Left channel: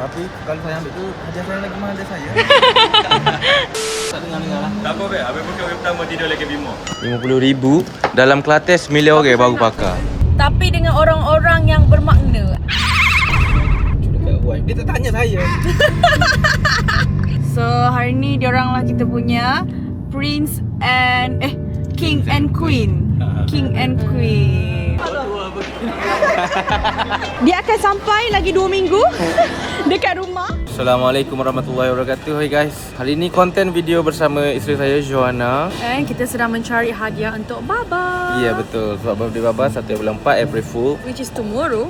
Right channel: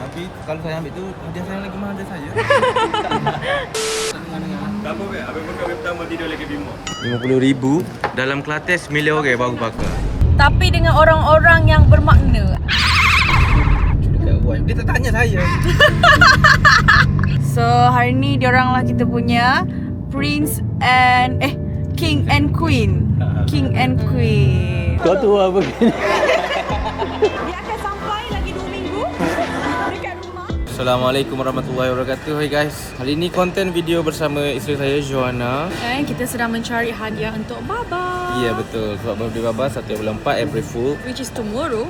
Tapi kalau saya ambil tu hadiah saya lagi mahal dari saya. Tak dengar-dengar lah. Tak apa weh, habis buka web pertama tidur lagi Bimo. 50,000 dalam Kelantan 9 orang baru pakai. Tapi dengan orang-orang yang bermakna. Dekat wife. Dia tak tanya saya. So hari ni diorang lah kita punya Prince and King and Queen. King and Queen. Kau tu apa gini? Dia akan sampai lagi 2 minggu dekat rumah. Assalamualaikum warahmatullahi wabarakatuh. Hai guys. Hari ni konten video bersama isteri saya Joanna. And kita sedang mencari hadiah untuk Baba. Ya betul. Sebab birthday Baba 1 bulan 4 April Fool. Which is tomorrow.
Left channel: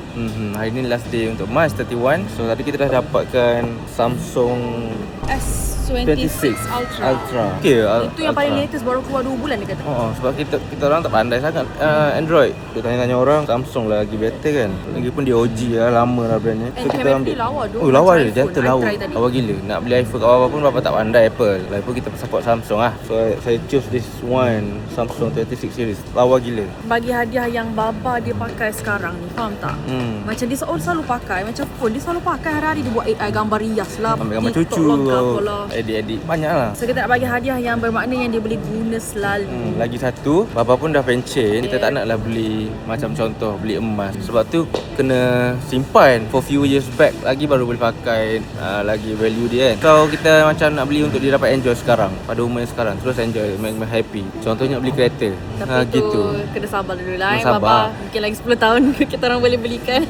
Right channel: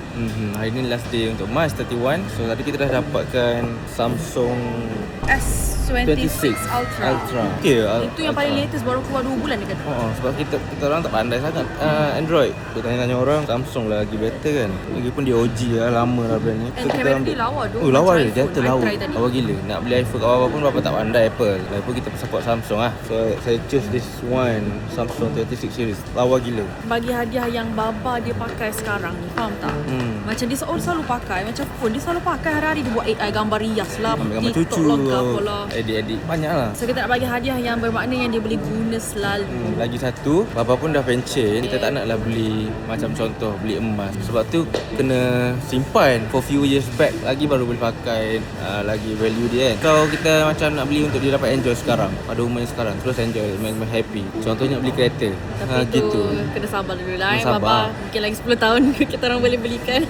Hari ni last day untuk March 31. So tadi kita dah dapatkan Samsung S26 Ultra. Okay, Itu yang paling latest, baru keluar 2 bulan dia kata. Sebab kita orang tak pandai sangat Android. Kita tanya-tanya orang, Samsung lah lagi better kan. Lagipun dia OG lah, lama lah brand ni. And kamera dia lawa tu. Oh lawa dia, dia lawa. I try tadi. Lawa gila. Nak beli iPhone kat bawah pun Bapa tak pandai Apple. Lagipun kita support Samsung lah. So saya choose this one, Samsung 36 series. Lawa gila. Bagi hadiah yang Baba dia pakai sekarang ni, faham tak? Macam dia selalu pakai, macam phone dia selalu pakai hari-hari. Dia buat AI gambar rias lah, Ambil gambar TikTok cucu lah, edit-edit banyak lah. So kita nak bagi hadiah yang bermakna yang dia boleh guna selalu. Lagi satu, Bapa pun dah pension. Kita tak naklah beli macam contoh beli emas. Sebab tu kena simpan for few years back lagi baru boleh pakai lagi value dia kan. So kita macam nak beli untuk dia dapat enjoy sekarang, pada umurnya sekarang, terus enjoy, make happy. Contohnya nak beli kereta. Tapi tu gitu. kena sabar dulu lah. Kena sabar. Baba mungkin lagi 10 tahun kita orang boleh belikan.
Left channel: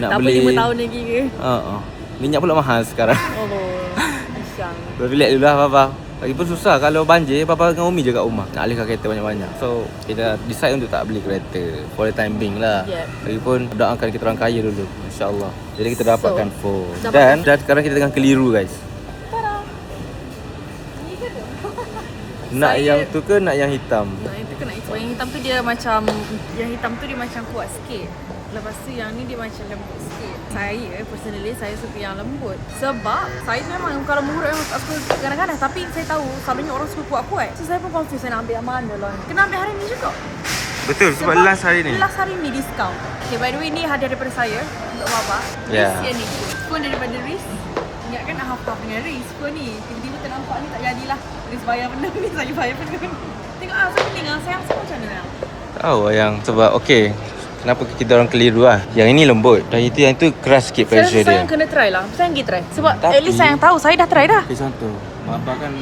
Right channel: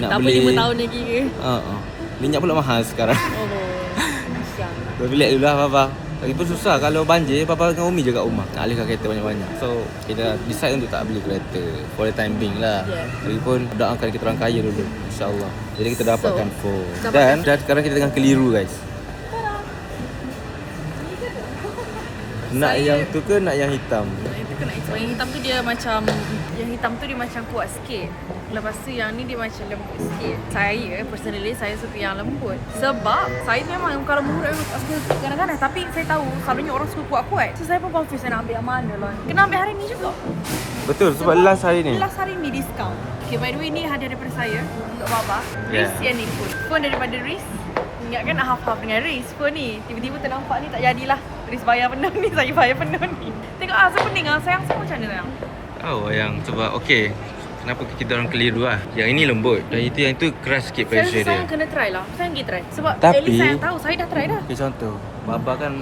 Nak tak beli 5 tahun lagi ke? Minyak pula mahal sekarang. Oh. Relax dulu lah Bapa. Lagipun susah kalau banjir, Bapa dengan Umi je kat rumah nak alihkan kereta banyak-banyak. So kita decide untuk tak beli kereta for the time being lah. Lagipun doakan kita orang kaya dulu, InsyaAllah. Jadi kita dapatkan phone. Dan sekarang kita tengah keliru guys. Nak yang tu ke nak yang hitam? Itu kena hitam. Yang hitam tu dia macam, yang hitam tu dia macam kuat sikit. Lepas tu yang ni dia macam lembut sikit. Saya personally saya suka yang lembut. Sebab saya memang kalau mengurut memang suka kadang-kadang. Tapi saya tahu selalunya orang suka kuat-kuat. So saya pun confuse saya nak ambil yang mana lah. Kena ambil hari ni juga. Betul, sebab last hari ni. Last hari ni diskaun. Okay, by the way ni hadiah daripada saya untuk Baba. Riz yang ni pun. Phone daripada Riz. Ingatkan nak half-half dengan Riz phone ni. Tiba-tiba ternampak ni tak jadilah. Riz bayar penuh ni, saya bayar penuh ni. Tengok saya pening lah. Sayang semua macam mana sayang? Tahu yang sebab okey. Kenapa kita orang keliru lah. Yang ini lembut dan yang itu keras sikit pressure dia. Saya kena try lah. Saya pergi try. Sebab Tapi, at least saya tahu. Saya dah try dah. Okay, contoh Baba kan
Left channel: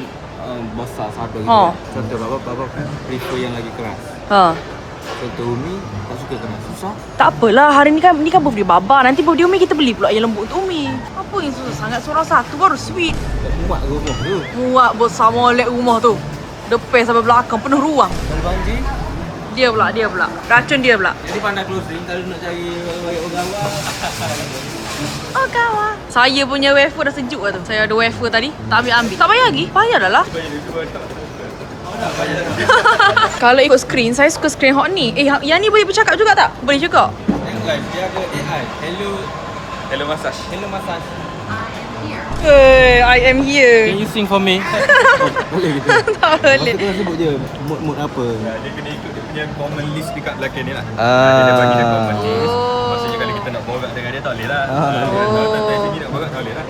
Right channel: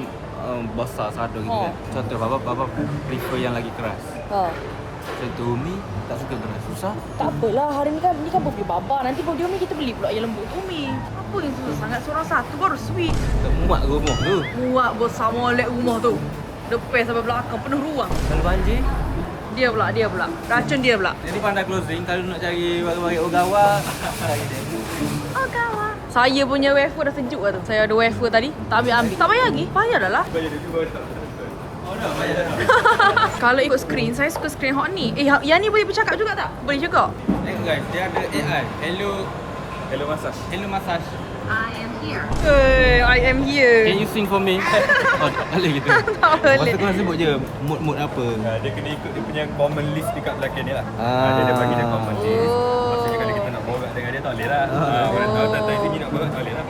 besar sado gitu kan. Contoh Baba prefer yang lagi keras. Contoh Umi tak suka keras. Susah. Tak apalah. Hari ni kan birthday Baba. Nanti birthday Umi kita beli pula yang lembut untuk Umi. Apa yang susah sangat? Seorang satu baru sweet. Tak muat rumah tu. Muat besar molek rumah tu. Depan sampai belakang penuh ruang. Kalau banjir Dia pula. Racun dia pula. jadi pandai closing. Kalau nak cari bagi Ogawa. Ogawa. Saya punya wafer dah sejuk lah tu. Saya ada wafer tadi. Tak ambil. Tak bayar lagi? Bayar dah lah. Kalau ikut screen, saya suka screen hot ni. Yang ni boleh bercakap juga tak? Boleh juga. Tengok guys, dia ada AI. Hello massage. Hello massage. I am here. Can you sing for me? Tak boleh gitu. Tak boleh. Masa tu sebut je mood apa. Dia kena ikut dia punya common list dekat belakang ni lah. Dia dah bagi dia common list. Maksudnya kalau kita nak borak dengan dia tak boleh lah. Kalau tak sini nak borak tak boleh lah.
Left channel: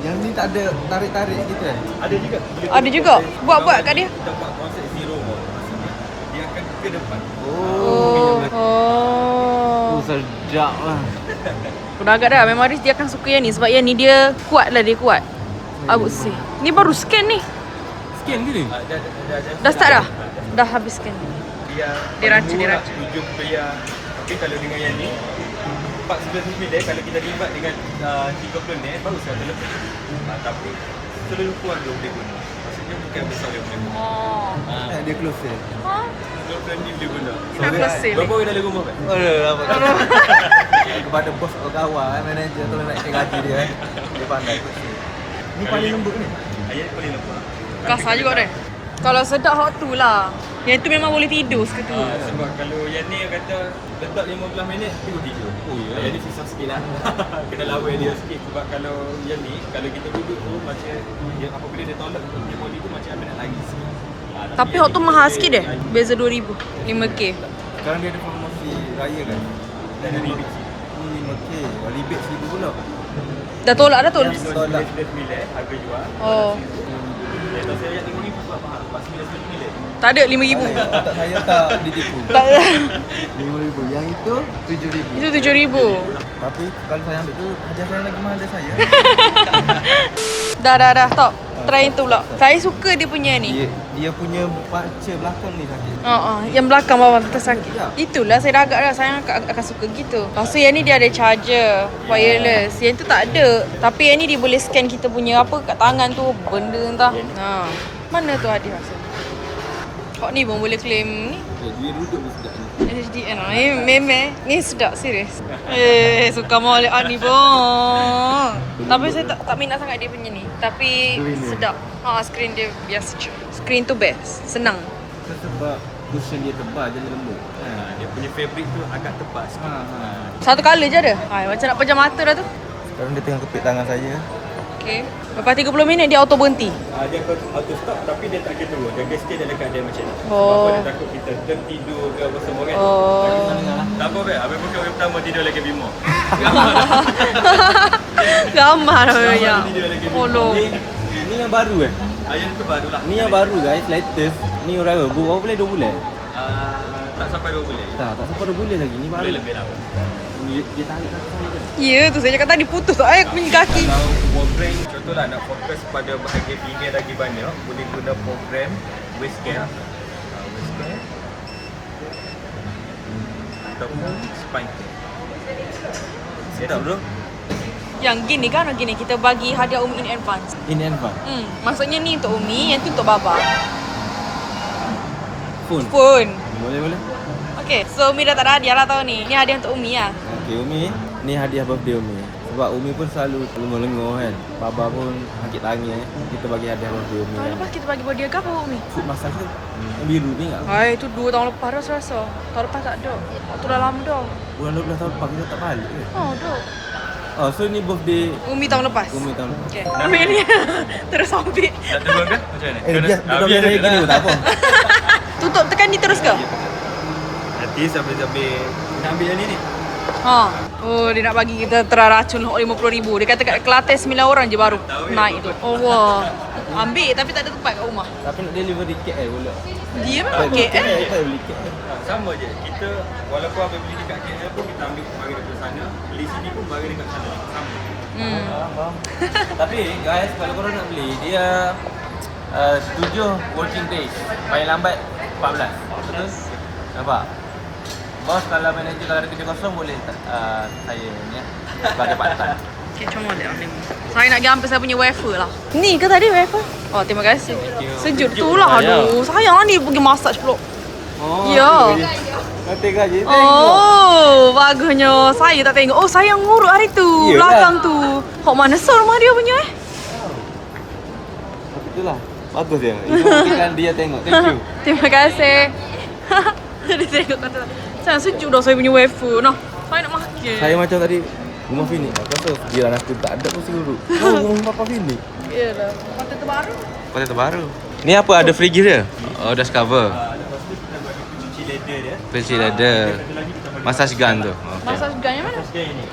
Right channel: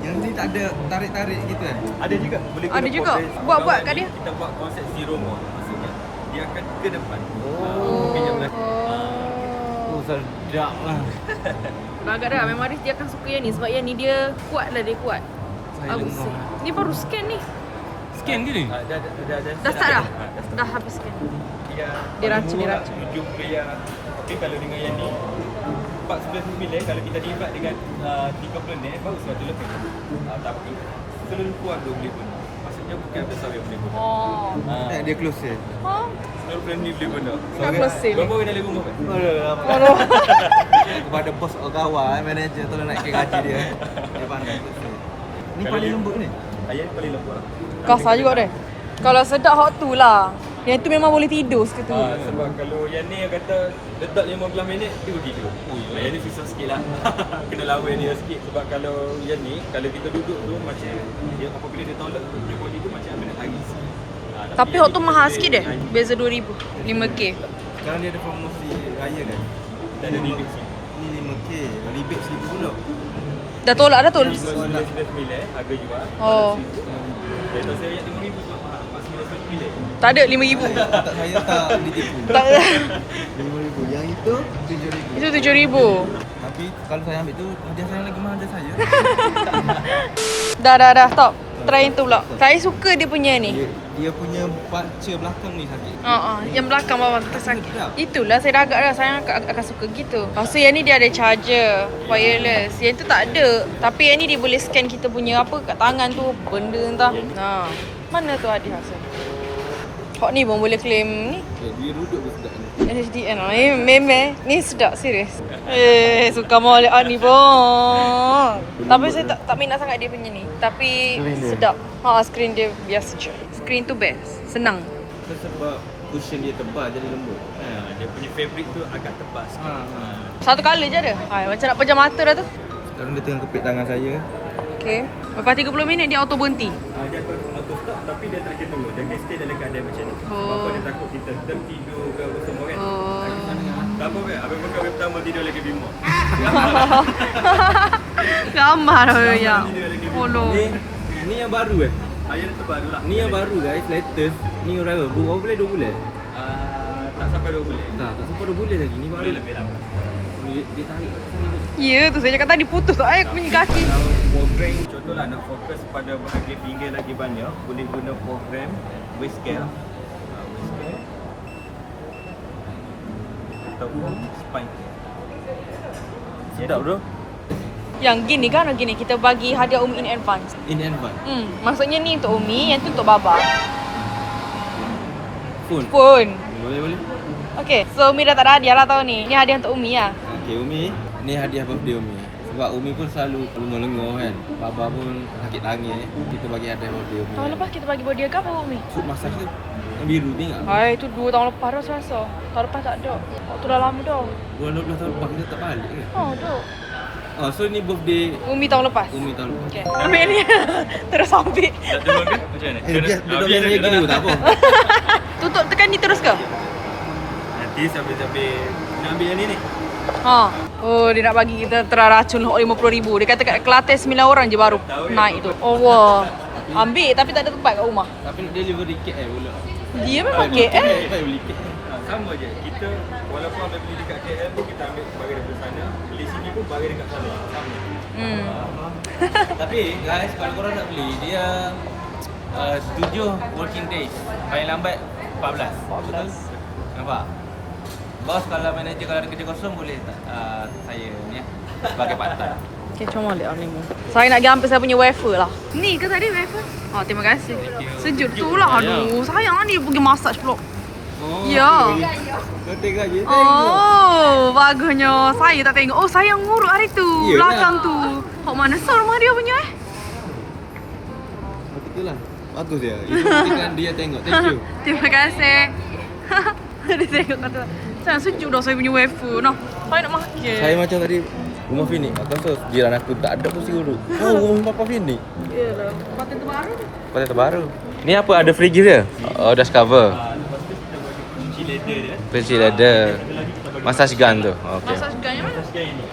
Yang ni tak ada tarik-tarik gitu kan? Ada juga. Ada juga. Buat-buat kat dia. Kita buat proses zero mode. Maksudnya dia akan ke depan. Sedap lah. Udah agak dah. Memang Riz dia akan suka yang ni. Sebab yang ni dia kuat lah. Dia kuat. I would say. Ni baru scan ni. Scan ke ni? Dah start dah? Dah habis scan. Dia rancang. Ujung tu yang. Tapi kalau dengan yang ni 411 mm kalau kita libat dengan 30 net baru 100 lebih. Tapi terlalu kuat dia boleh guna. Maksudnya bukan besar dia boleh guna. Dia close je. Ha? Terlalu friendly dia guna. Nak close. Berapa orang dalam rumah kan? Kepada bos Ogawa, manager tolong naikkan gaji dia. Dia pandai close. Ni paling lembut ni. Ayat ni paling lembut. Kasar juga deh. Kalau sedap hot tu lah. Yang tu memang boleh tidur seketika. Sebab kalau yang ni kata letak 15 minit dia boleh tidur. Yang ni susah sikit lah. Kena lawan dia sikit. Sebab kalau yang ni, kalau kita duduk tu macam dia, apabila dia tolak dia body tu macam nak lari sikit. Tapi hot tu mahal sikit deh. Beza 2,000. 5K. Sekarang dia ada promosi raya kan? Dan dia lebih ni 5k. Rebate 1000 pula. Dah tolak dah tu. Yang 99 harga jual. Oh. Kalau saya ayat 5,000 buat mahal. Pas 99. Tak ada 5,000. Tak saya tak ditipu. Tak ada. 5,000. Yang itu 7,000. Itu 7,000. Tapi kalau saya ambil tu hadiah saya lagi mahal dari saya. Dah. Stop. Try itu pula. Saya suka dia punya ni. Dia punya baca belakang ni sakit. Yang belakang bawah tu sakit. Itulah saya dah agak dah. Saya akan suka gitu. Lepas tu yang ni dia ada charger wireless. Yang tu tak ada. Tapi yang ni dia boleh scan kita punya apa kat tangan tu. Benda entah. Mana tu hadiah rasa? Kok ni pun boleh claim ni. Dia duduk pun sedap ni. HDN lah. Ni meme. Ni sedap serius. Suka molek ni pun. Tapi saya tak minat sangat dia punya ni. Tapi sedap. Screen dia biasa je. Screen tu best. Senang. Sebab cushion dia tebal jadi lembut. Dia punya fabric tu agak tebal sikit. Satu colour je ada. Macam nak pejam mata dah tu. Sekarang dia tengah kepit tangan saya. Okay. Lepas 30 minit dia auto berhenti. Dia akan auto stop tapi dia tak kena. Dia stay dalam keadaan macam ni. Oh. Dia takut kita tertidur ke apa semua kan. Tak apa Beb, Abang buka web pertama tidur lagi bimo. Gambar lah ya. Tidur lagi bimo. Follow. Ni yang baru Yang terbaru lah. Ni yang baru guys, latest. Ni orang berapa bulan 2 bulan? Tak sampai 2 bulan. Tak sampai 2 bulan lagi. Ni baru. Boleh lebih lah. Dia tarik kaki saya je. Ya tu saya cakap tadi putus tu. Aku punya kaki. Kalau program contohlah nak fokus pada bahagian pinggir lagi banyak, boleh guna program waist care. Waist care ataupun spine care. Sedap bro. Yang gini kan gini kita bagi hadiah Umi in advance. In advance. Maksudnya ni untuk Umi, yang tu untuk Baba. Phone. Boleh. Okay, so Umi dah tak ada hadiah lah tahun ni. Ni hadiah untuk Umi lah. Okay Umi, ni hadiah birthday Umi. Sebab Umi pun selalu lengur kan. Baba pun sakit tangan. Kita bagi hadiah birthday Umi. Tahun lepas kita bagi body ke apa Umi? Food massage tu. Yang biru ni tak? Hai, tu 2 tahun lepas dah rasa. Tahun lepas tak ada. Waktu dah lama dah. Bulan 12 tahun lepas kita tak balik ke? Dah. Oh, so ni birthday Umi tahun lepas. Umi tahun lepas. Okay. Ambil ni. Terus ambil. Dia boleh saya gini pun tak apa. Tutup tekan ni terus ke? Nanti sambil-sambil nak ambil yang ni. Oh, dia nak bagi kita teraracun RM50,000. Dia kata kat Kelantan 9 orang je baru naik tu. Oh, wah. Ambil tapi tak ada tempat kat rumah. Tapi nak delivery kit pula. Dia memang KL. Baik beli kit. Sama je. Kita walaupun ambil beli dekat KL pun kita ambil barang dekat sana. Beli sini pun barang dekat sana. Sama. Tapi guys, kalau korang nak beli, dia 7 working days. Paling lambat 14. Betul? Nampak? Bos kalau manager kalau ada kerja kosong boleh saya ni sebagai part time. Okay, comel dia ni. Saya nak pergi ambil saya punya wafer lah. Ni ke tadi wafer? Oh, terima kasih. Sejuk tu lah. Aduh, sayang lah ni pergi massage pula. Oh, ya. Kata gaji. Oh, bagusnya. Saya tak tengok. Oh, saya ngurut hari tu. Belakang tu. Kok mana so rumah dia punya Itulah. Bagus dia. Itu buktikan dia tengok. Thank you. Terima kasih. Dia tengok kata. Sayang sejuk dah saya punya wafer. Nah, saya nak makan. Saya macam tadi rumah Finik. Aku rasa jiran aku tak ada pun si urut. Oh, rumah Papa Finik. Yalah. Hotel terbaru. Hotel terbaru. Ni apa? Ada free gift dia? Oh, dust cover. Lepas tu kita bagi kunci leather dia. Kunci leather. Massage Massage gun tu. Okey. Massage gun yang mana? Massage gun yang ni.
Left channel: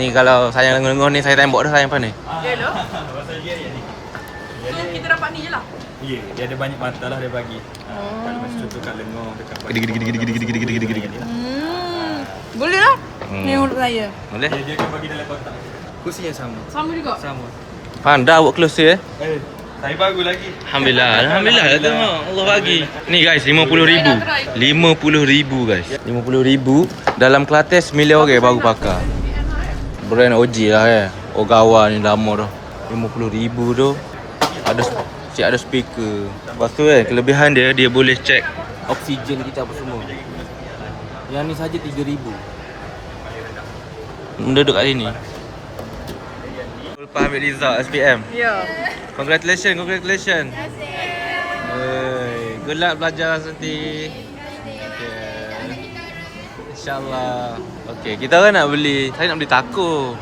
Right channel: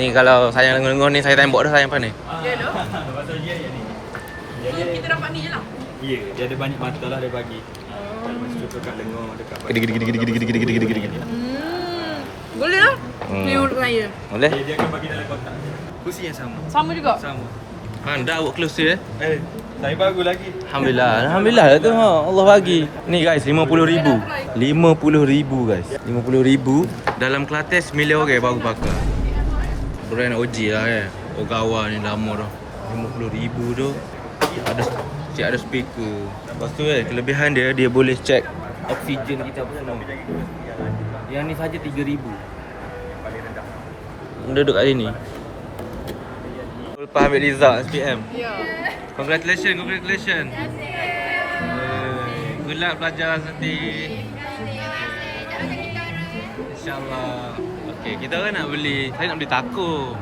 Ni kalau saya lengur-lengur ni saya tembok dah sayang apa ni? Yalah. Massage gun yang ni. Yang kita dapat ni je lah. Ya, dia ada banyak mata lah dia bagi. Macam contoh kat lengur dekat Gede-gede. Boleh lah. Ni untuk saya. Boleh? Dia akan bagi dalam kotak. Kursi yang sama. Sama juga. Sama. Pandai buat close Saya bagus lagi. Alhamdulillah lah tu. Allah bagi. Ni guys, 50,000. 50,000 guys. 50,000 dalam Kelantan 9 orang baru pakai. Brand OG lah Ogawa ni lama dah. 50,000 tu. Ada speaker. Lepas tu kelebihan dia boleh check oksigen kita apa semua. Yang ni saja 3,000. Duduk kat sini. Lepas ambil result SPM. Ya. Congratulations. Good luck belajar nanti. InsyaAllah. Okay, kita kan nak beli. Saya nak beli taco.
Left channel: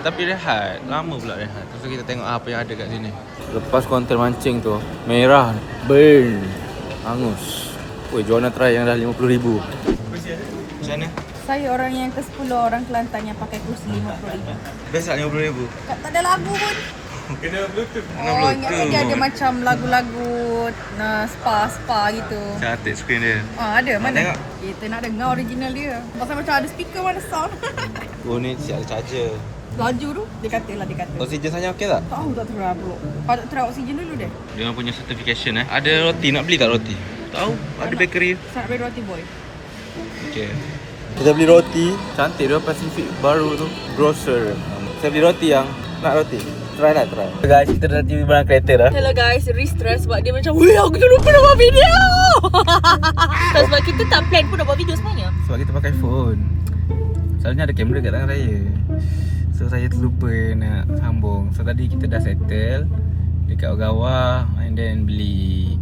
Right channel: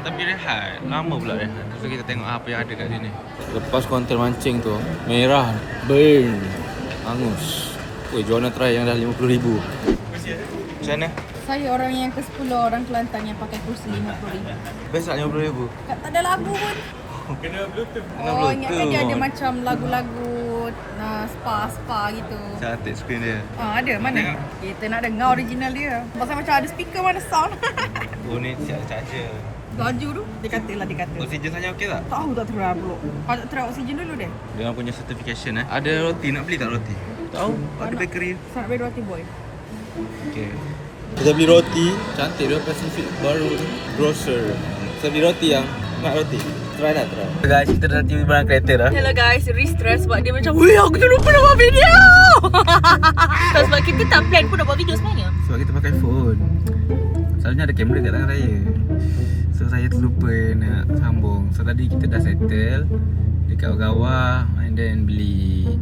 Tapi rehat. Lama pula rehat. So kita tengok apa yang ada kat sini. Lepas konten mancing tu, merah. Burn. Angus. Woi, Joanna try yang dah 50,000. Sana. Saya orang yang ke-10 orang Kelantan yang pakai kursi RM50,000. Best tak RM50,000? Tak ada lagu pun. Kena Bluetooth. Oh, ingat dia ada macam lagu-lagu spa gitu. Cantik screen dia. Ada mana? tengok. Kita nak dengar original dia. Pasal macam ada speaker mana sound. Oh ni siap ada charger. Laju tu, dia kata. Oksigen saja okey tak? Tahu tak terang pula. Patut terang oksigen dulu deh. Dia punya certification Ada roti, nak beli tak roti? Tahu, ada nak. bakery. Saya nak beli roti boy. Okey. Kita beli roti. Cantik dia Pacific baru tu. Grocer. Saya beli roti yang nak roti. Try. Guys, kita dah tiba barang kereta dah. Hello guys, re-stress sebab dia macam weh aku terlupa nak buat video. Sebab kita tak plan pun nak buat video sebenarnya. Sebab kita pakai phone. Selalunya ada kamera kat tangan saya. So saya terlupa nak sambung. So tadi kita dah settle dekat Ogawa and then beli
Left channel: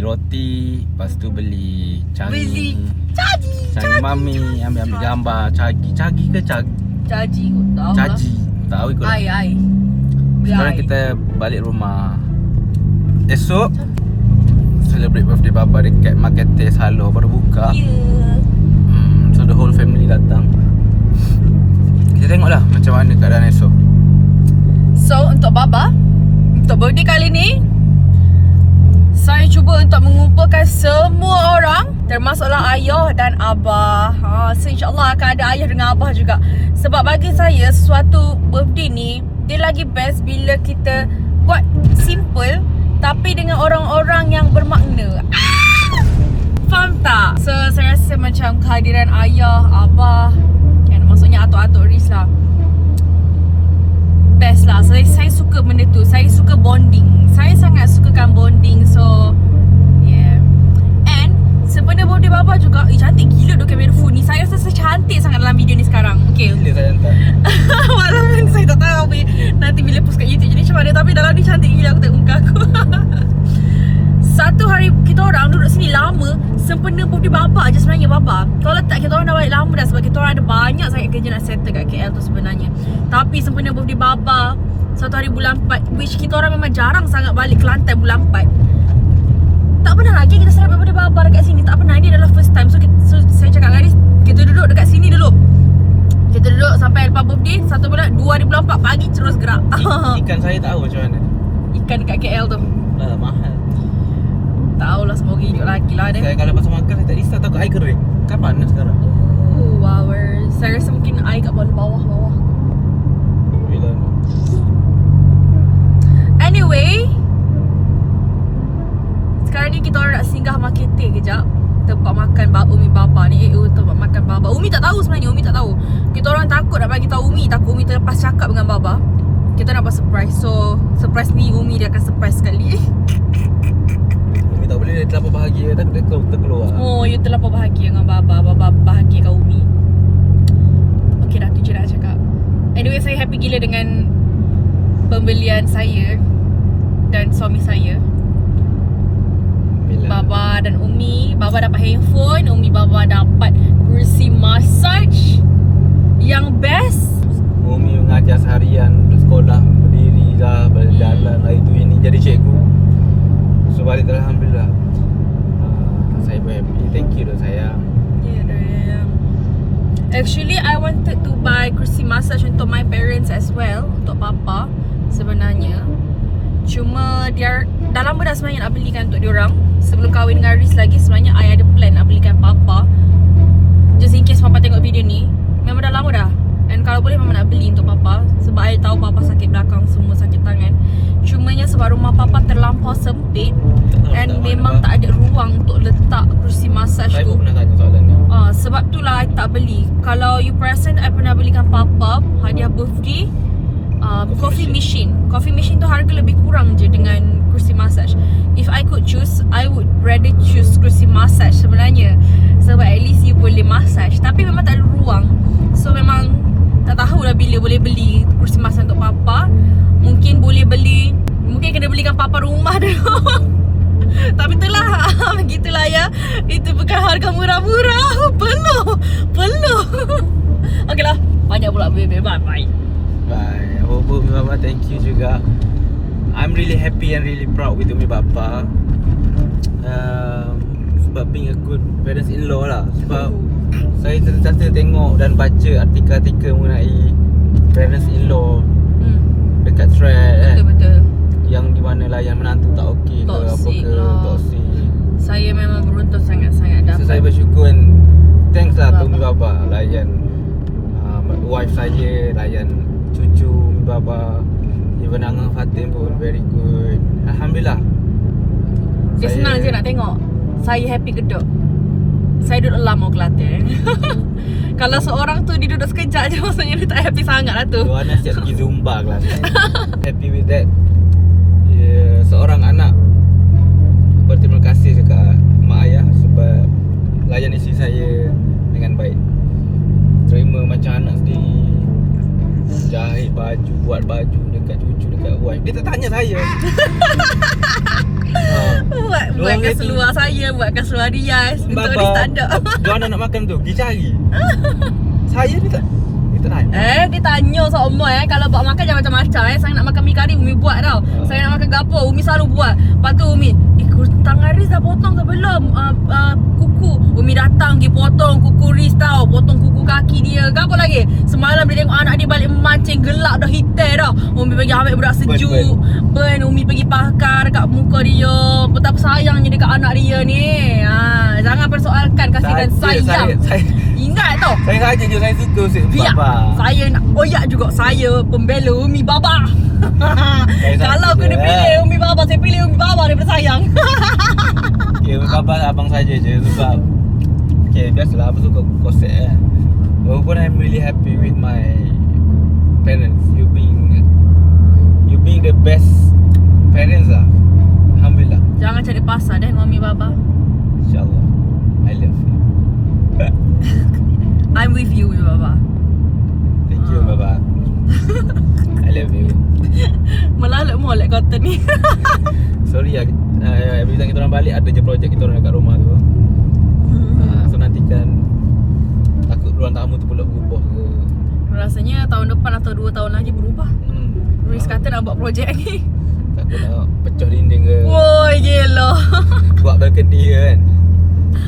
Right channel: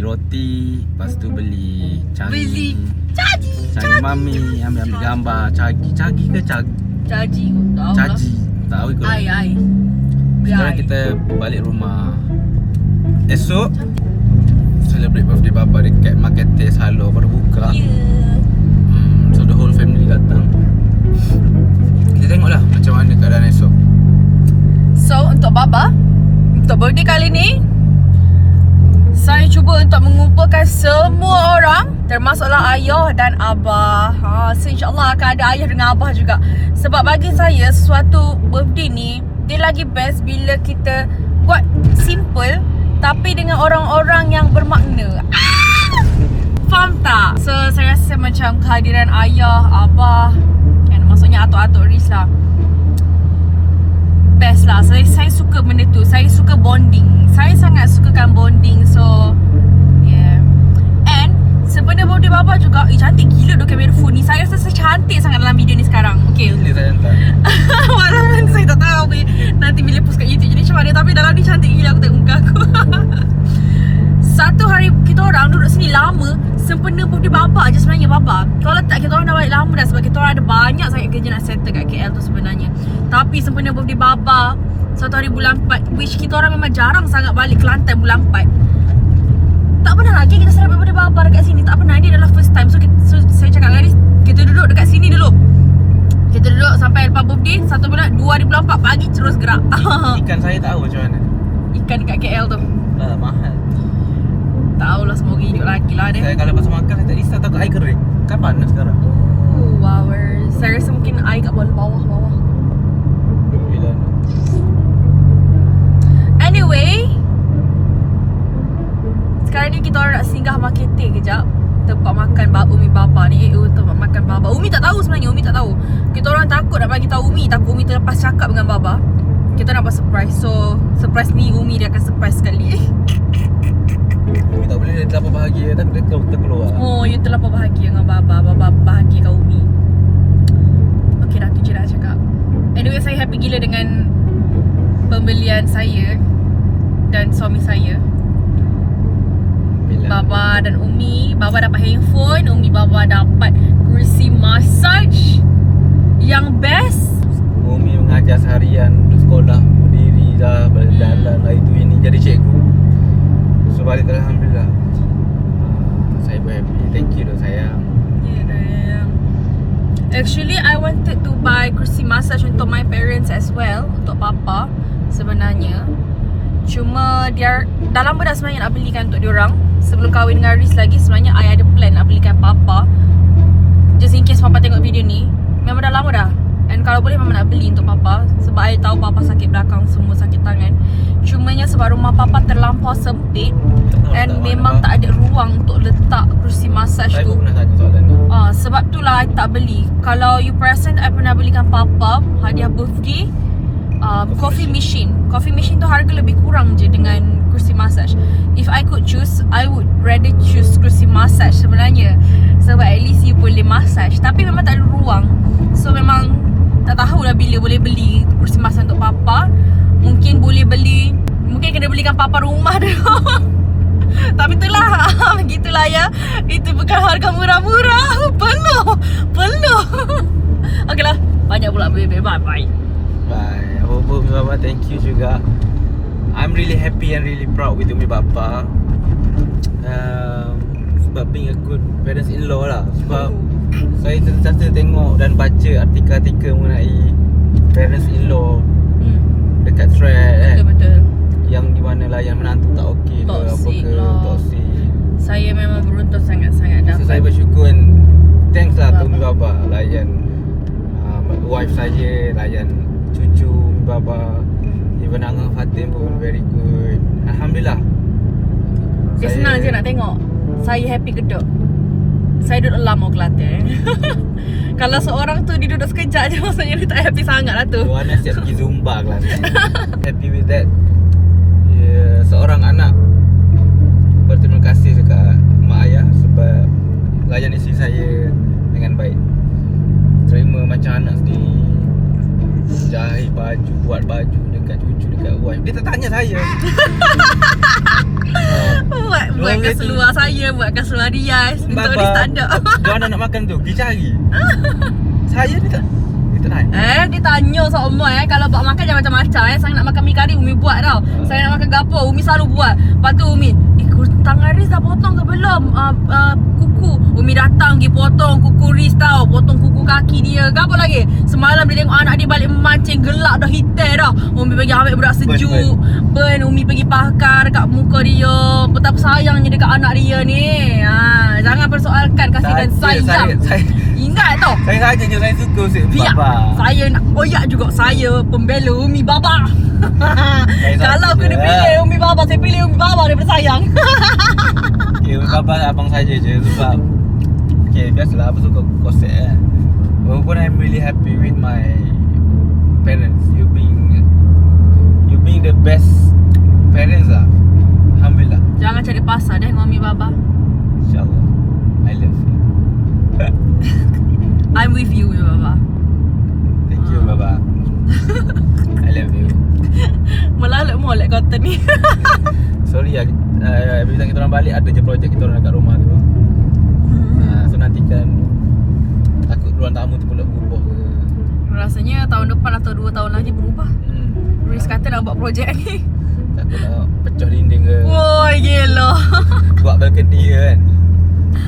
roti, lepas tu beli canggih. Canggih mami ambil gambar canggih ke Caji kot tahu lah. caji. Tahu ikut. Ai. Sekarang kita balik rumah. Esok celebrate birthday bapa dekat Marketes Halo baru buka. So the whole family datang. Kita tengoklah macam mana keadaan esok. So untuk baba, untuk birthday kali ni, saya cuba untuk mengumpulkan semua orang, termasuklah ayah dan abah. So insyaAllah akan ada ayah dengan abah juga. Sebab bagi saya sesuatu birthday ni, dia lagi best bila kita buat simple tapi dengan orang-orang yang bermakna. Faham tak? So saya rasa macam kehadiran ayah, abah, maksudnya atuk-atuk Riz lah, best lah. Saya suka benda tu. Saya suka bonding. Saya sangat sukakan bonding. So yeah. And sebenarnya birthday baba juga, cantik gila tu kamera phone ni. Saya rasa cantik sangat dalam video ni sekarang. Okay. Ini saya hantar. Walaupun saya tak tahu nanti bila post kat YouTube jadi macam mana, tapi dalam ni cantik gila aku tengok muka aku. Satu hari kita orang duduk sini lama, sempena birthday baba je sebenarnya baba. Kalau tak kita orang dah balik lama dah sebab kita orang ada banyak sangat kerja nak settle kat KL tu sebenarnya. Tapi sempena birthday baba, satu hari bulan 4, which kita orang memang jarang sangat balik Kelantan bulan 4. Tak pernah lagi kita celebrate birthday baba dekat sini. Tak pernah, ini adalah first time. So saya cakap dengan Aris, kita duduk dekat sini dulu. Kita duduk sampai lepas birthday, 1 bulan 2024 pagi terus gerak. Ikan saya tahu macam mana. Ikan dekat KL tu. Dah mahal. Tahulah semoga hidup lagi lah dia. Saya kalau pasal makan saya tak risau takut air kering. Kan panas sekarang. Oh, wowers. Saya rasa mungkin air kat bawah. Bila Anyway, sekarang ni kita orang nak singgah marketing kejap. Tempat makan Umi baba ni. Tempat makan baba. Umi tak tahu sebenarnya. Umi tak tahu. Kita orang takut nak bagi tahu Umi. Takut Umi terlepas cakap dengan baba. Kita nak buat surprise. So surprise ni Umi dia akan surprise sekali. Umi tak boleh, dia terlalu bahagia. Tak dia terkeluar. Oh, you terlalu bahagia dengan baba. Baba bahagia dengan Umi. Okay dah, tu je nak cakap. Anyway, saya happy gila dengan pembelian saya dan suami saya. Baba dan Umi. Baba dapat handphone, Umi baba dapat kursi massage yang best. Umi mengajar seharian untuk sekolah, berdiri dah, berjalan lah itu ini jadi cikgu. So balik alhamdulillah. Saya pun happy. Thank you dah sayang. Yeah. Actually I wanted to buy kursi massage untuk my parents as well, untuk papa sebenarnya. Cuma dia dah lama dah sebenarnya nak belikan untuk diorang. Sebelum kahwin dengan Riz lagi sebenarnya I ada plan nak belikan papa. Just in case papa tengok video ni. Memang dah lama dah. And kalau boleh memang nak beli untuk papa. Sebab I tahu papa sakit belakang, semua sakit tangan. Cumanya sebab rumah papa terlampau sempit and memang tak ada ruang untuk letak kursi massage Saya tu. pun pernah tanya soalan ni. Sebab itulah I tak beli. Kalau you perasan I pernah belikan papa hadiah birthday coffee machine. Coffee machine tu harga lebih kurang je dengan kursi massage. If I could choose, I would rather choose kursi massage sebenarnya. Sebab at least you boleh massage. Tapi memang tak ada ruang. So memang tak tahulah bila boleh beli kursi massage untuk papa. Mungkin boleh beli, mungkin kena belikan papa rumah dulu. Tapi itulah, begitulah ya. Itu bukan harga murah-murah. Penuh. Okeylah, banyak pula bebe. Bye. Bye. Umi Baba, thank you juga. I'm really happy and really proud with Umi Baba. Sebab being a good parents-in-law lah. Sebab Saya sentiasa tengok dan baca artikel-artikel mengenai parents-in-law dekat thread kan. Betul-betul. Yang di mana layan menantu tak okey ke apa Toxic ke, lah. toxic. Saya memang beruntung sangat-sangat So dapat. saya bersyukur kan. Thanks lah Baba. to Umi Baba layan wife saya, layan cucu Umi Baba. Even Angah Fatin pun very good. Alhamdulillah. Dia senang je nak tengok. Saya happy gedok. Saya duduk lama Kelantan. Kalau seorang tu dia duduk sekejap je, maksudnya dia tak happy sangat lah tu. Luana siap pergi Zumba kelas. Happy with that. Seorang anak berterima kasih dekat mak ayah sebab layan isteri saya dengan baik. Terima macam anak sendiri. Jahit baju, buat baju dekat cucu, dekat wife. Dia tak tanya saya. Buatkan seluar saya, buatkan seluar Riaz. Untuk dia tak ada. Luana nak makan tu, pergi cari. Saya dia tak tanya. Dia tanya semua kalau buat makan jangan macam-macam Saya nak makan mi kari, Umi buat tau. Saya nak makan gapo, Umi selalu buat. Lepas tu Umi, tangan Riz dah potong ke belum? Kuku. Umi datang pergi potong kuku Riz tau. Potong kuku kaki dia. Gapo lagi? Semalam dia tengok anak dia balik memancing, gelap dah hitam dah. Umi pergi ambil berat sejuk. Burn. Umi pergi pakar dekat muka dia. Betapa sayangnya dekat anak dia ni. Jangan persoalkan kasih dan sayang. Saya Ingat tau. saya saja je saya suka Umi Biar Baba. saya nak koyak juga. Saya pembela Umi Baba. Kalau saja kena je. pilih Umi Baba, saya pilih Umi Baba daripada sayang. Okay, Umi Baba abang saja je sebab okay, biasalah apa suka konsep kan. Walaupun I'm really happy with my parents. You being the best parents lah. Alhamdulillah. Jangan cari pasal dengan Umi Baba. InsyaAllah. I love you. I'm with you Umi Baba. Thank you Baba. I love you. Melalak molek kata ni. Sorry lah, every time kita orang balik ada je projek kita orang dekat rumah tu. So nantikan takut ruang tamu tu pula berubah ke. Rasanya tahun depan atau 2 tahun lagi berubah. Riz kata nak buat projek ni. Takut nak pecah dinding ke. Woi gila. Buat balcony ke kan.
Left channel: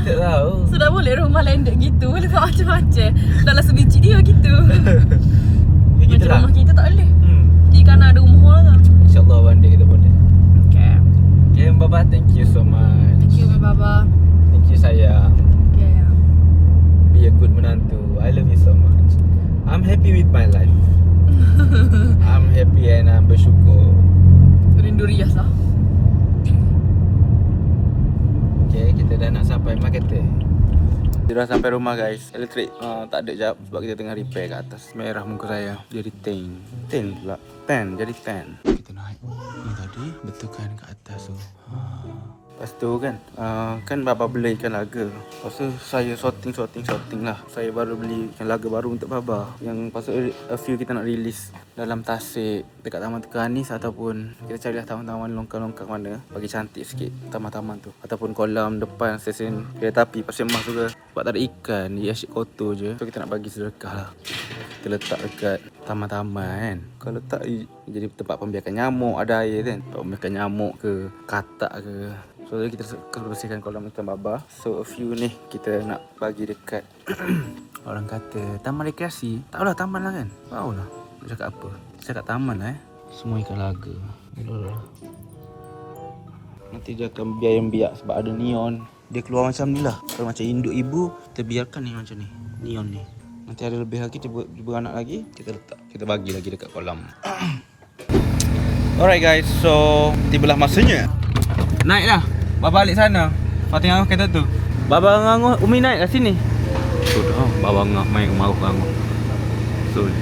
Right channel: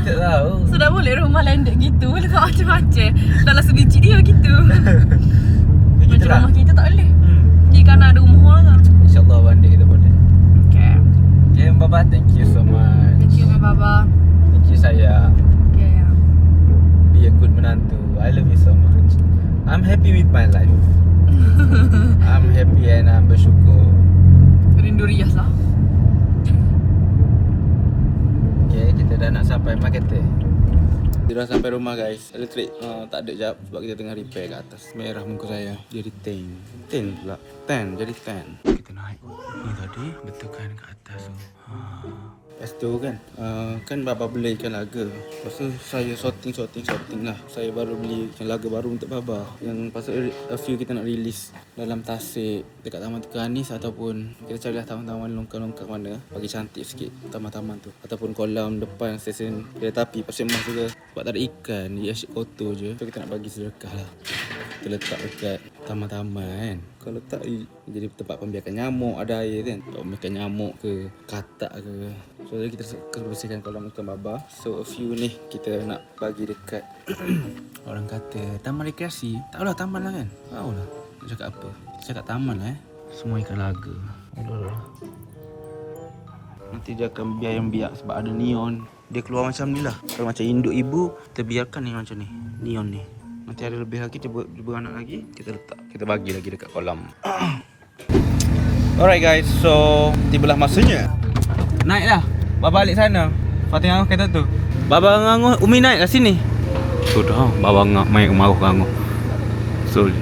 Tak tahu. Sudah boleh rumah landed gitu. Boleh buat macam-macam. Dalam sebiji dia gitu. Macam rumah kita tak boleh. Jika nak ada rumah lah. InsyaAllah one day kita boleh. Okay. Okay Baba, thank you so much. Thank you Umi Baba. Thank you sayang. Okay. Be a good menantu. I love you so much. I'm happy with my life. I'm happy and I'm bersyukur. Rindu Riaz lah. Okay, kita dah nak sampai marketer. Kita dah sampai rumah guys. Elektrik tak ada jap sebab kita tengah repair kat atas. Merah muka saya. Jadi 10 pula. 10 jadi 10. Kita naik ni tadi betulkan kat atas tu. Lepas tu kan kan Baba beli ikan laga. Lepas tu saya sorting lah. Saya baru beli ikan laga baru untuk Baba. Yang pasal a few kita nak release dalam Tasik dekat Taman Tukanis ataupun kita carilah taman-taman longkang-longkang mana bagi cantik sikit taman-taman tu ataupun kolam depan stesen kereta api Pasir Mas tu ke. Sebab tak ada ikan, dia asyik kotor je. So kita nak bagi sedekah lah. Kita letak dekat taman-taman kan. Kalau tak jadi tempat pembiakan nyamuk, ada air kan. Pembiakan nyamuk ke, katak ke. So kita bersihkan kolam ikan Baba. So a few ni kita nak bagi dekat orang kata taman rekreasi. Tak lah taman lah kan. Tahu lah nak cakap apa. Cakap taman lah Semua ikan laga. Nanti dia akan biak sebab ada neon. Dia keluar macam ni lah. Kalau macam induk ibu, kita biarkan ni macam ni. Neon ni. Nanti ada lebih lagi, dia beranak lagi, kita letak. Kita bagi lagi dekat kolam. Alright guys, so tibalah masanya. Naik lah. Baba balik sana. Fatih Angah kata tu. Baba Angah, Umi naik kat sini. Sudah, Baba Angah main kemaruh Angah. Sorry.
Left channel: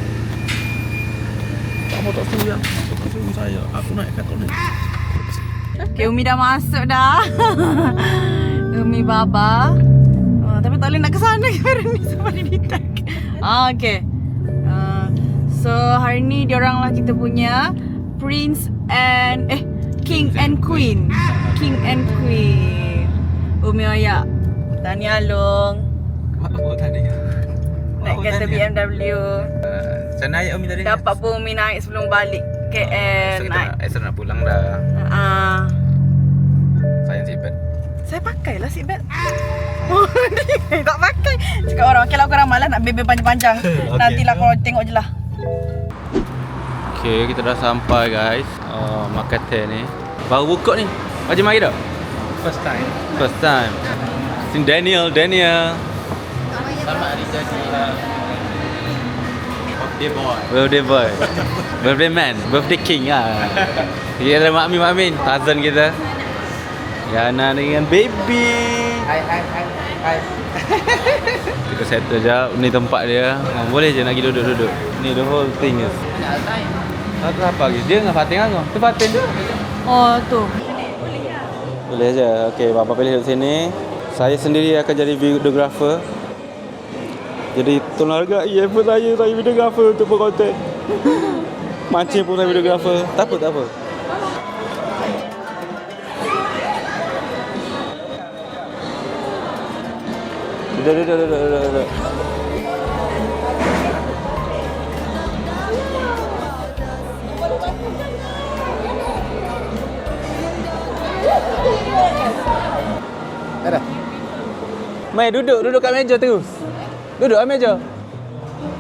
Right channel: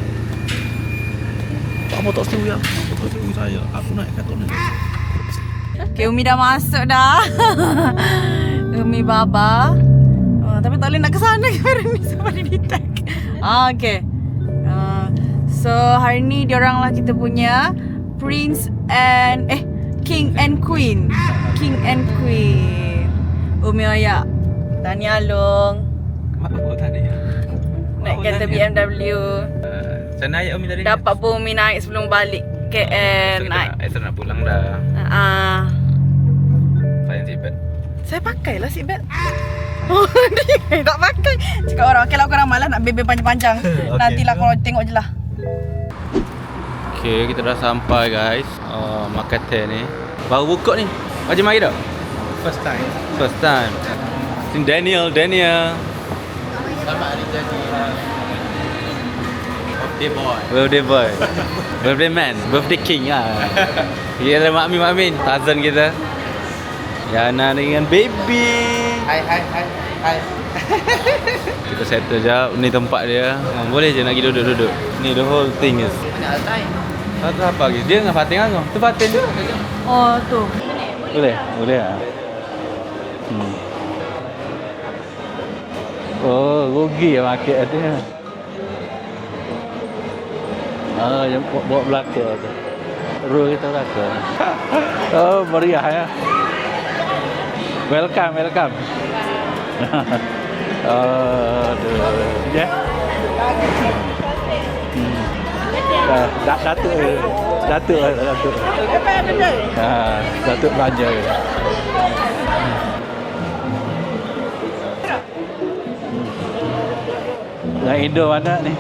Kamu tak setuju ya? Tak setuju saya. Aku naik kat atas ni. Okay, Umi dah masuk dah. Umi Baba. Tapi tak boleh nak ke sana kerana ni sebab dia detect. Okay. So hari ni diorang lah kita punya Prince and King and Queen. King and Queen. Umi Oyak, Tani Along. Apa tadi? Naik kereta BMW. Macam naik Umi tadi. Dapat pun Umi naik sebelum balik KL. So Naik. kita nak pulang dah. Sayang seatbelt. Saya pakailah seatbelt. Oh, dia tak pakai. Cakap orang, okey lah korang malas nak bebel panjang-panjang. Nantilah korang tengok je lah. Okay, kita dah sampai guys. Makan teh ni. Baru buka ni. Macam mari tak? First time. First time. Sini Daniel. Selamat hari jadi. Birthday boy. Birthday man. Birthday king lah. Kita ada Mak Min. Cousin kita. Yana dengan baby. Hai. Kita settle jap. Ni tempat dia. Boleh je nak pergi duduk-duduk. Ni the whole thing is. Banyak altai. Satu apa lagi? Dia dengan Fatin kan? Tu Fatin tu. Oh, tu. Boleh? Boleh je. Okey, bapa pilih duduk sini. Saya sendiri akan jadi videographer. Oh, rugi ya market. Jadi tolong hargai pun saya videographer untuk buat konten. Buat Lancip pun saya videographer. Takut. Oh, meriah ya. Welcome. Ya. Datuk. Datuk belanja. Ada. Mai duduk kat meja tu. Duduk kat meja. Yang Indo mana ni?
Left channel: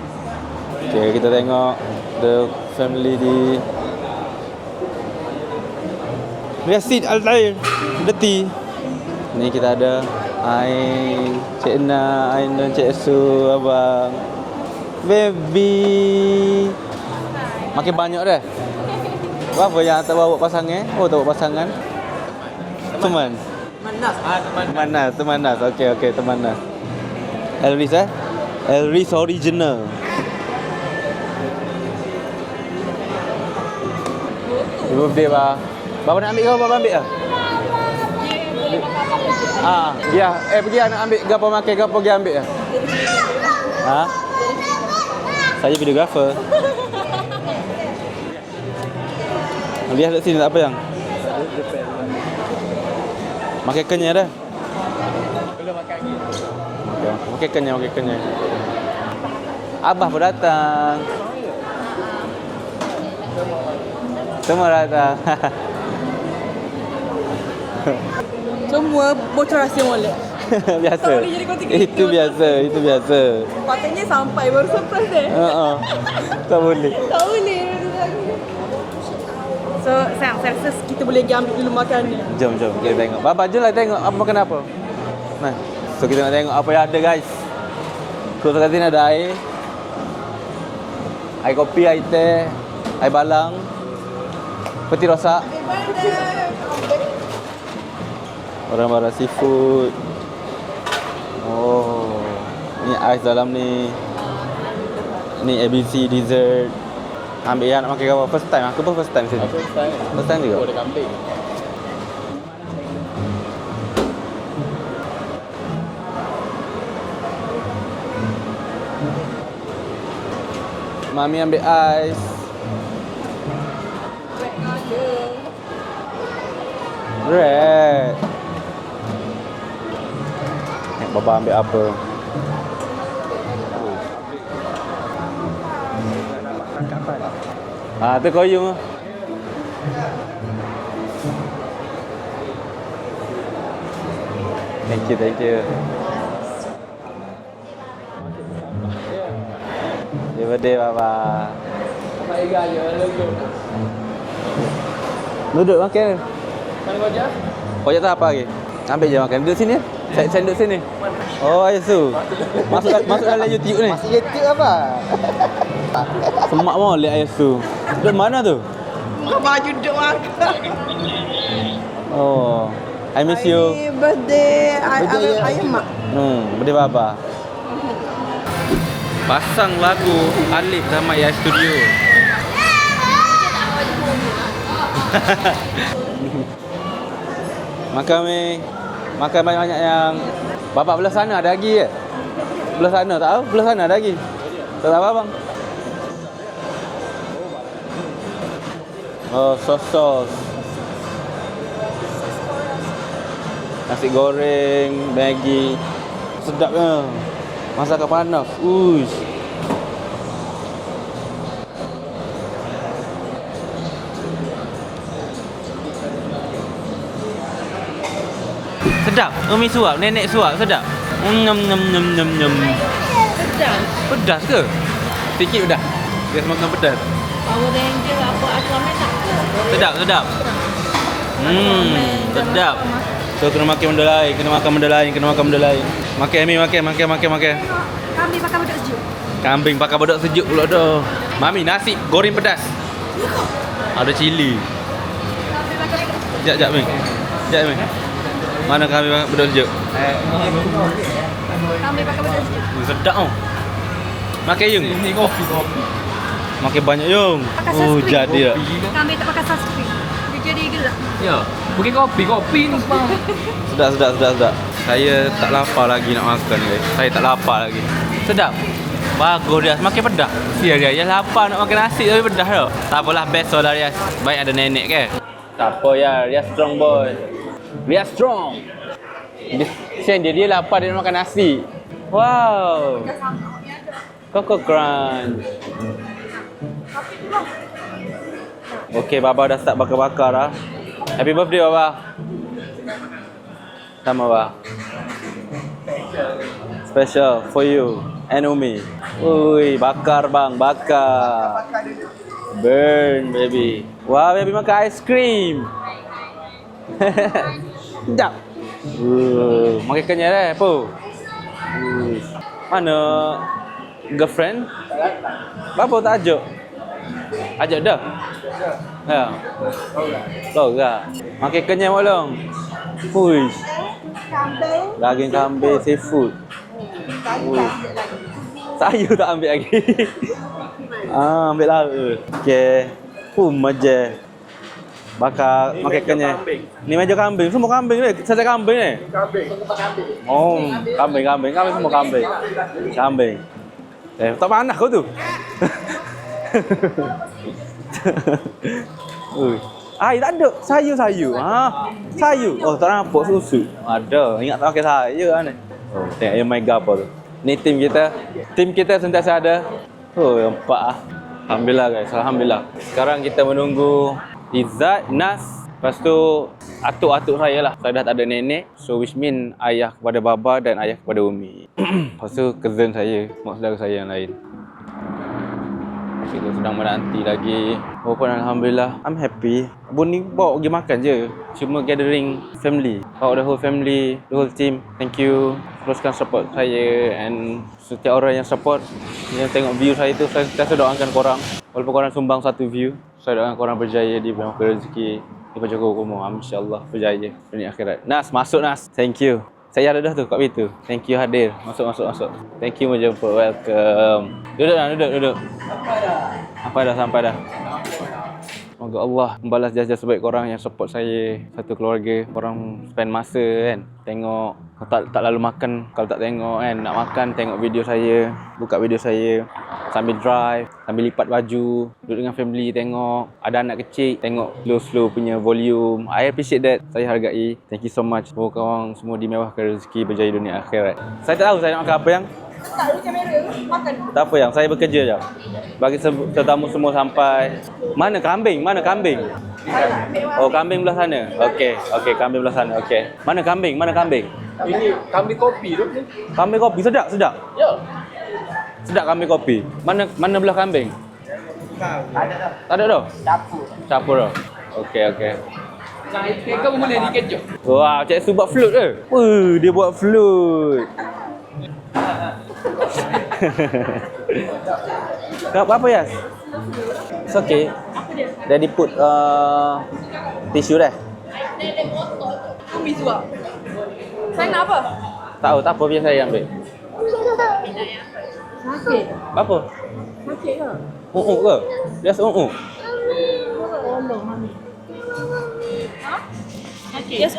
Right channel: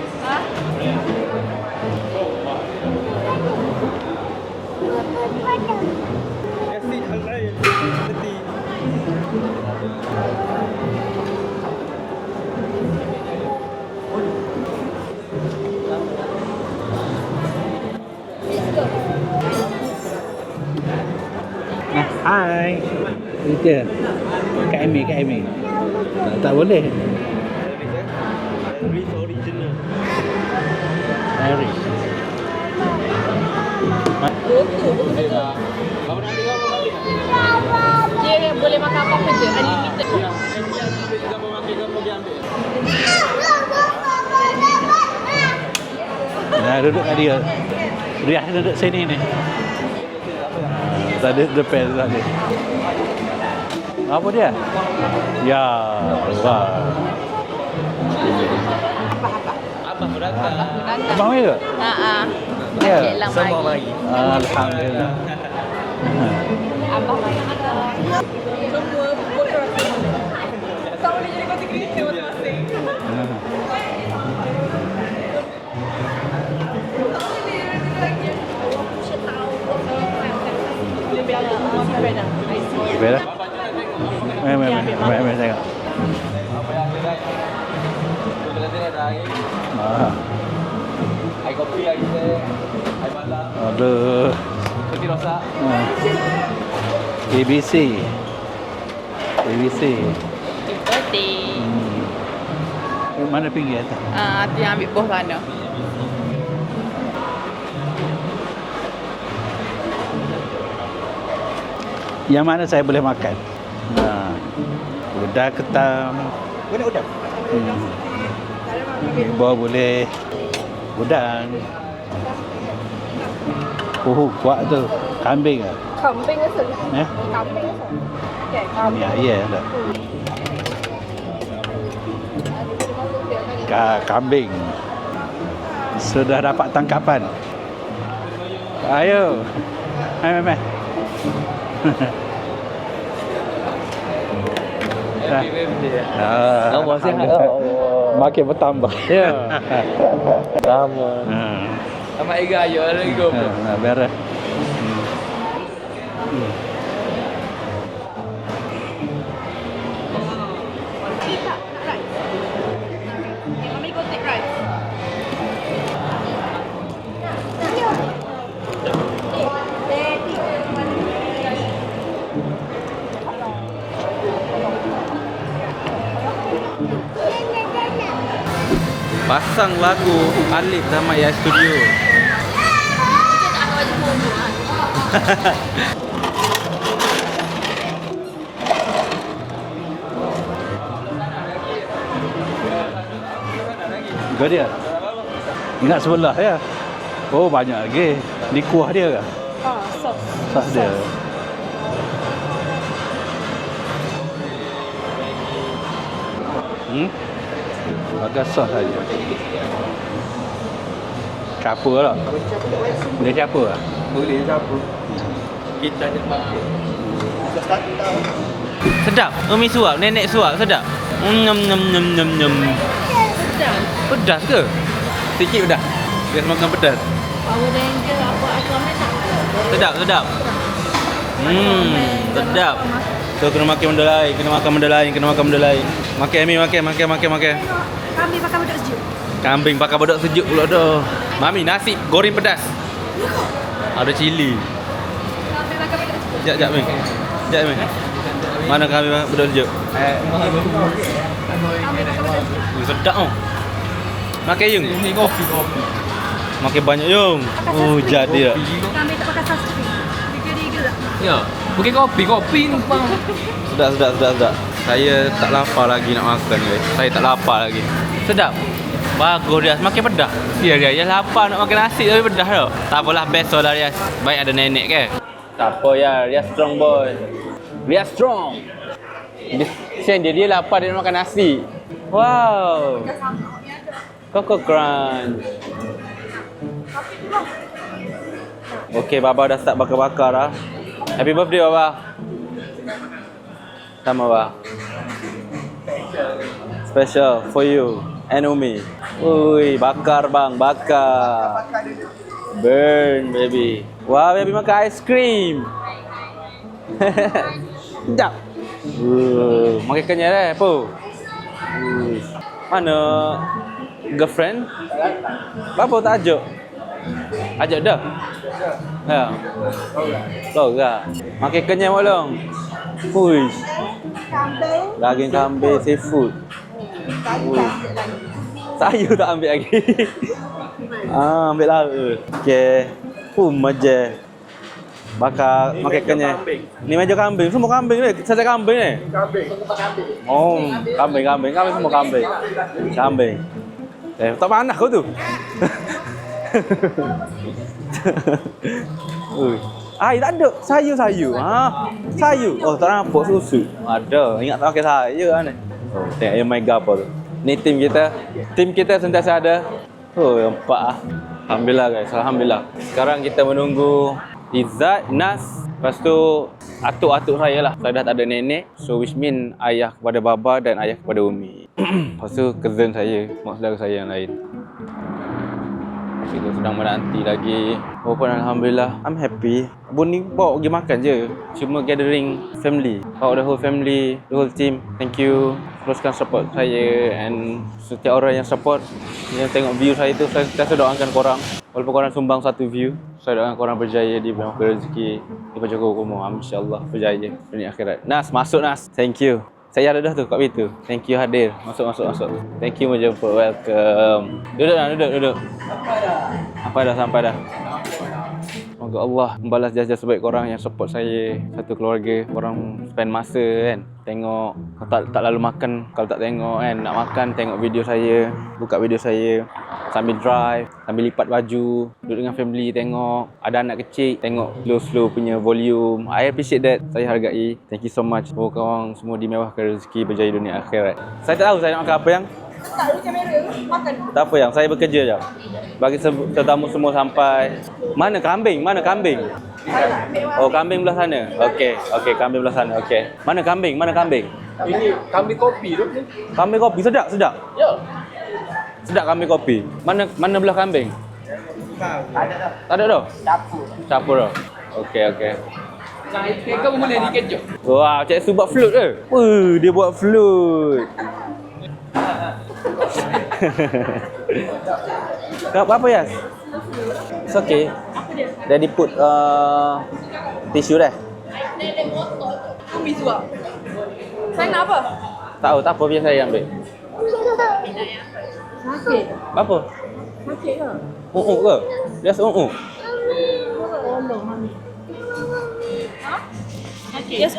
Okay, kita tengok the family di Resit Al-Tair Deti. Ni kita ada Cik Na, Aina, Cik Su, abang baby. Makin banyak dah. Berapa yang tak bawa pasangan? Oh, tak bawa pasangan. Hai. Teman. Itu. Teman. Okey, teman. Tak boleh. Elris Elris original. Birthday bah. Bapa nak ambil ke bapa ambil ah? Dia boleh makan apa je. Ya, pergi nak ambil gapo makan gapo pergi ambil ah. Ha? Saya videographer. Nah, duduk kat dia. Dia duduk sini ni. Lihat kat sini tak apa yang. Tak ada depan tadi. Makan kenyang dah. Apa dia? Ya, wah. Makan kenyang. Abah pun datang. Abang mai ke? Ya. Semua mari. Semua datang. Semua bocor rahsia mula. Biasa. Itu biasa. Patutnya sampai baru surprise deh. Tak boleh. Tak boleh. So, sayang, kita boleh ambil makan ni. Jom. Bapa jom lah tengok apa makan apa. Mai. So kita nak tengok apa yang ada guys. So kat sini ada air. Air kopi, air teh, air balang, Aduh. peti rosak, ABC. barang-barang seafood. ABC. Oh. Ni ais dalam ni. Tu yang ambil buah kan. Ni ABC dessert. Ambil yang nak makan apa? First time. Aku pun first time sini. First time juga. Yang mana saya boleh makan? Udang ketam. Boleh udah. Bawa boleh. Udang. Mami ambil ais. Kuat tu. Kambing ke? Kambing rasa. Ya. Red. Ya. Bapa ambil apa? Kambing. Sudah dapat tangkapan. Tu koyung. Ayo. Mai. Thank you. Allah sihat. Makin bertambah. Ya. Birthday bapa. Apa iga ayo alaikum. Merah. Duduk makan. Kau tak apa lagi? Ambil je makan. Duduk sini. Saya duduk sini. Oh, Aisu. Masuk dalam YouTube ni. Masih detik apa? Semak mau lihat Aisu. Dari mana tu? Baju doang. Oh. I miss you. Birthday Aimak. Birthday bapa. Pasang lagu Alif sama Ya Studio. Makan banyak-banyak yang bapak belah sana ada lagi ke? Belah sana tak tahu, belah sana ada lagi. Gak dia? Tak tahu bang. Ingat sebelah ya. Oh banyak lagi. Di kuah dia ke? Oh, sos. Sos dia. Nasi goreng, Maggi. Sedap kan? Masakan panas. Uish. Siapa lah? Dia siapa lah? Boleh siapa? Kita je mampu. Sedap. Umi suap, nenek suap, sedap. Nyam nyam nyam nyam nyam. Pedas. Pedas ke? Sikit pedas. Dia makan pedas. Power Ranger apa Aquaman tak ke? Sedap, sedap. Sedap. So kena makan benda lain, kena makan benda lain, kena makan benda lain. Makan Ami, makan. Kami pakai beduk sejuk. Kambing pakai bedok sejuk pula tu. Mami, nasi goreng pedas. Ada cili. Kami pakai beduk sejuk. Sekejap, Mi. Sekejap, Mi. Mana kambing pakai bedok sejuk? Kami pakai beduk sejuk. Sedap tau. Makan Yung. Ni kopi. Makan banyak Yung. Oh, jadi tak? Kami tak pakai sos krim. Dia jadi dia tak? Ya. Bagi kopi ni bang. Sedap. Saya tak lapar lagi nak makan guys. Saya tak lapar lagi. Sedap. Bagus Rias, makan pedas. Sia dia lapar nak makan nasi tapi pedas tau. Tak apalah, best lah Rias. Baik ada nenek ke. Tak apa ya, Rias strong boy. Rias strong. Sen dia lapar dia nak makan nasi. Wow. Coco Crunch. Okey, Baba dah start bakar-bakar dah. Happy birthday Baba. Sama Baba. Special for you and Umi. Ui, bakar bang, bakar. Burn baby. Wah, baby makan ice cream. Sedap. Makan kenyal dah apa? Mana girlfriend? Bapa tak ajak? Ajak dah? Ya. Tahu tak? Makan kenyal malam. Ui. Daging kambing seafood. Sayur tak ambil lagi. Ambil lah. Okey. Meja. Bakar makan kenyal. Ni meja kambing. Semua kambing ni. Saya kambing ni. Kambing. Oh, kambing. Kambing semua kambing. Kambing. Tak panas kau tu. Ui. Air tak ada. Sayur. Sayur. Oh, tak nampak susu. Ada. Ingat tak pakai sayur kan ni. Oh, tengok yang mega apa tu. Ni tim kita. Tim kita sentiasa ada. Oh, nampak ah. Alhamdulillah guys. Alhamdulillah. Sekarang kita menunggu Izzat, Nas. Lepas tu atuk-atuk saya lah. Saya dah tak ada nenek. So which mean ayah kepada Baba dan ayah kepada Umi. Lepas tu cousin saya, mak saudara saya yang lain. Kita sedang menanti lagi. Oh pun Alhamdulillah, I'm happy. Abang ni bawa pergi makan je. Cuma gathering family. Bawa the whole family, the whole team. Thank you. Teruskan support saya and setiap orang yang support, yang tengok view saya tu, saya sentiasa doakan korang. Walaupun korang sumbang satu view, saya doakan korang berjaya di bidang rezeki, di Pajago Kumur. InsyaAllah berjaya dunia akhirat. Nas, masuk Nas. Thank you. Saya ada dah tu kat pintu. Thank you hadir. Masuk. Thank you menjemput. Welcome. Duduk. Sampai dah. Semoga Allah membalas jasa sebaik korang yang support saya. Satu keluarga. Korang spend masa kan. Tengok. Tak lalu makan. Kalau tak tengok kan. Nak makan tengok video saya. Buka video saya. Sambil drive. Sambil lipat baju. Duduk dengan family tengok. Ada anak kecil. Tengok slow punya volume. I appreciate that. Saya hargai. Thank you so much. Semoga korang semua dimewahkan rezeki berjaya dunia akhirat. Saya tak tahu saya nak makan apa yang. Tak ada kamera. Makan. Tak apa yang. Saya bekerja je. Bagi tetamu semua sampai. Mana kambing? Oh, kambing belah sana. Okey, kambing belah sana. Okey. Mana kambing? Ini kambing kopi tu. Kambing kopi sedap. Ya. Sedap kambing kopi. Mana belah kambing? Tak ada dah. Campur dah. Okey. Kau boleh dikejuk. Wah, Cik Su buat float ke? Dia buat float. Apa Yas? It's okay. Daddy put tisu dah. Umi suap. Saya nak apa? Tak apa biar saya ambil. Sakit. Apa? Sakit ke? Ke? Just Tolong mami. Ha? Sakit. Yes,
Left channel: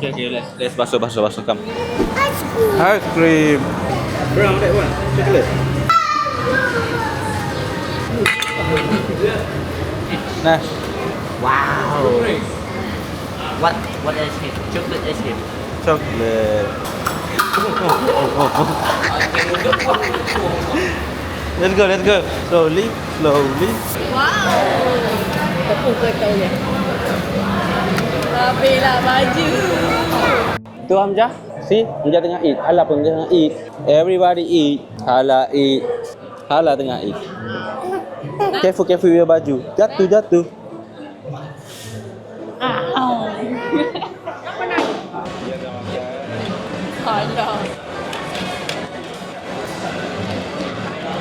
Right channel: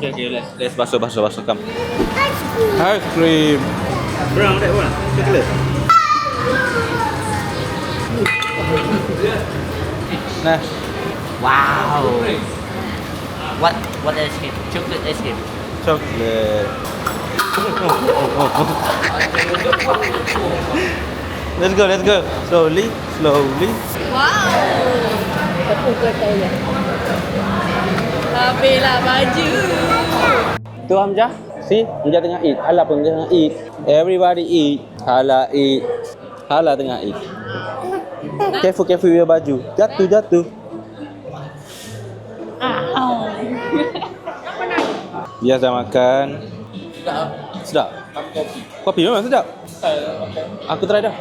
Okay, let's basuh. Come. Ice cream. Brown that one. Chocolate. Nah. Wow. What ice cream? Chocolate ice cream. Chocolate. Let's go. Slowly. Wow. Bela baju. Tu Hamzah. See, Hamzah tengah eat. Hala pun tengah eat. Everybody eat. Hala eat. Hala tengah eat. Careful with your baju. Jatuh. Dia dah makan. Sedap. Kopi memang sedap. Aku try dah.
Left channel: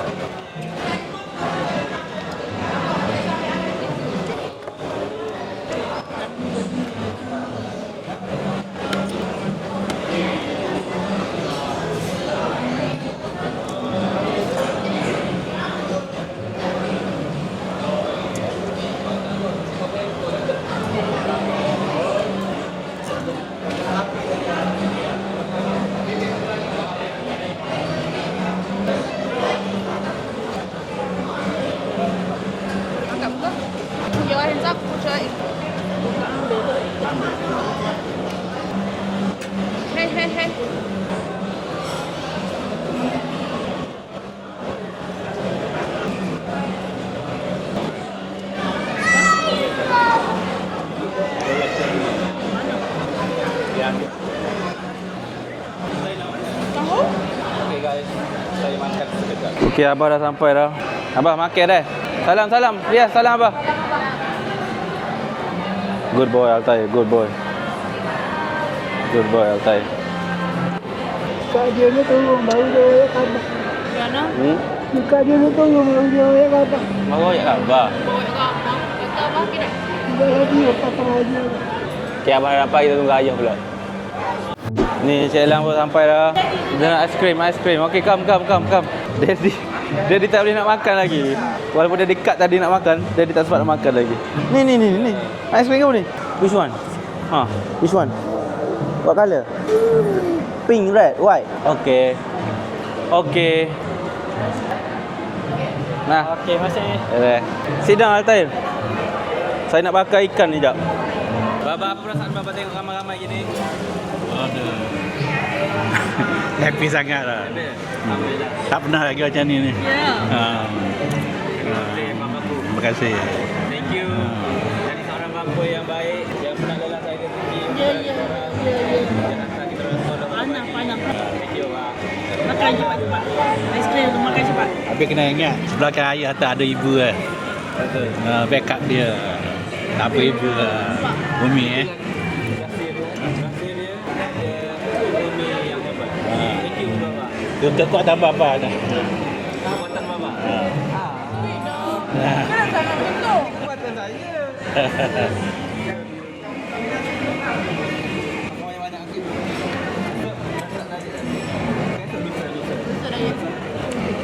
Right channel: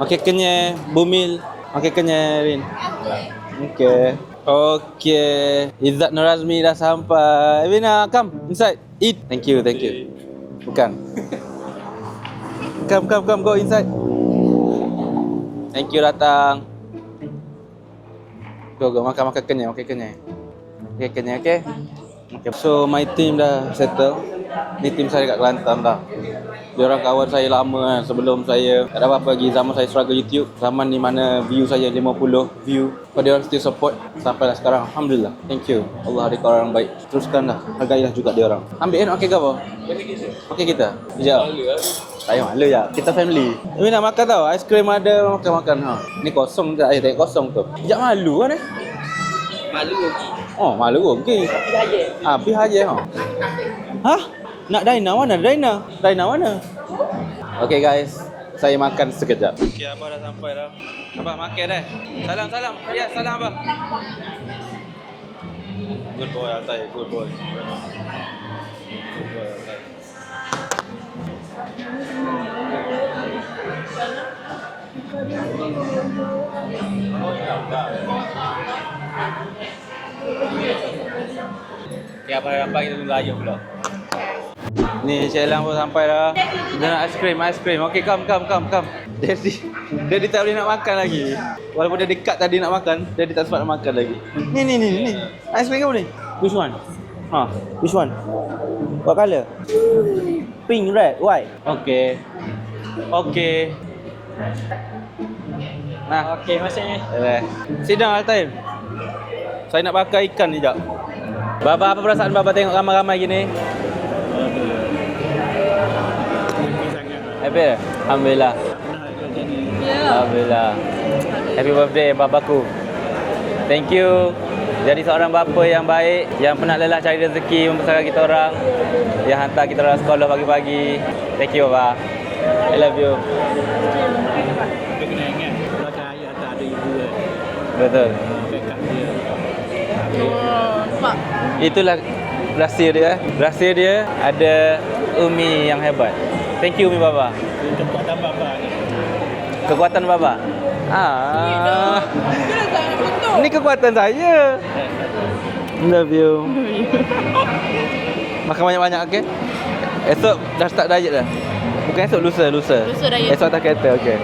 Makin kenyang, Bumil. Makin kenyang, Rin. Okay. Izzat Nurazmi dah sampai. Evina, come inside. Eat. Thank you. Come, go inside. Thank you datang. Go, makan kenyang. Okay. So my team dah settle. Ini team saya kat Kelantan dah. Dia orang kawan saya lama sebelum saya tak ada apa-apa lagi zaman saya struggle YouTube. Zaman ni mana view saya 50 view. So dia orang still support sampai sekarang. Alhamdulillah. Thank you. Allah ada orang baik. Teruskan lah. Bergaya juga dia orang. Ambil okey ke apa? Okey kita. Sekejap. Ayo malu ya. Kita family. Ni nak makan tau. Aiskrim ada makan. Ni kosong tak? Tak kosong tu. Sekejap malu kan eh? Oh, malu okey. Habis aja. Hah? Nak Daina mana? Daina mana? Okay guys, saya makan sekejap. Okay, Abah dah sampai dah. Abah makan dah. Salam. Ya, salam Abah. Good boy Altai, good boy Altai. Kak dia ni tolong baru dia kata. Mana? Kak dia ni tolong dia kata. Mau ya Abah. Dia pasang aja. Okay, Abah dah sampai, kita tunggu ayah pula. Ni Cik Elang pun sampai dah. Dia nak aiskrim. Okey, come. Dia tak boleh nak makan lagi. Walaupun dia dekat tadi nak makan, dia tak sempat nak makan lagi. Ni. Aiskrim kamu ni. Which one? Which one? What color? Pink, red, white. Okay. Nah. Okey, masuk ni. Sit down Altair. Saya nak bakar ikan ni jap. Baba, apa perasaan Baba tengok ramai-ramai gini? Happy sangat lah. Happy? Alhamdulillah. Tak pernah lagi macam ni. Alhamdulillah. Happy birthday babaku. Terima kasih. Thank you. Jadi seorang bapa yang baik, yang pernah lelah cari rezeki membesarkan kita orang, yang hantar kita orang sekolah pagi-pagi. Thank you baba. I love you. Tapi kena ingat, sebelah kan ayah tak ada ibu kan. Betul. Backup dia. Tak apa ibu lah. Umi. Itulah rahsia dia ada Umi yang hebat. Thank you Umi baba. Untuk tak tambah apa kan. Kekuatan baba. Ni kekuatan saya. Love you. Makan banyak-banyak okey. Esok dah start diet dah. Bukan esok, lusa. Diet. Esok atas kereta okey.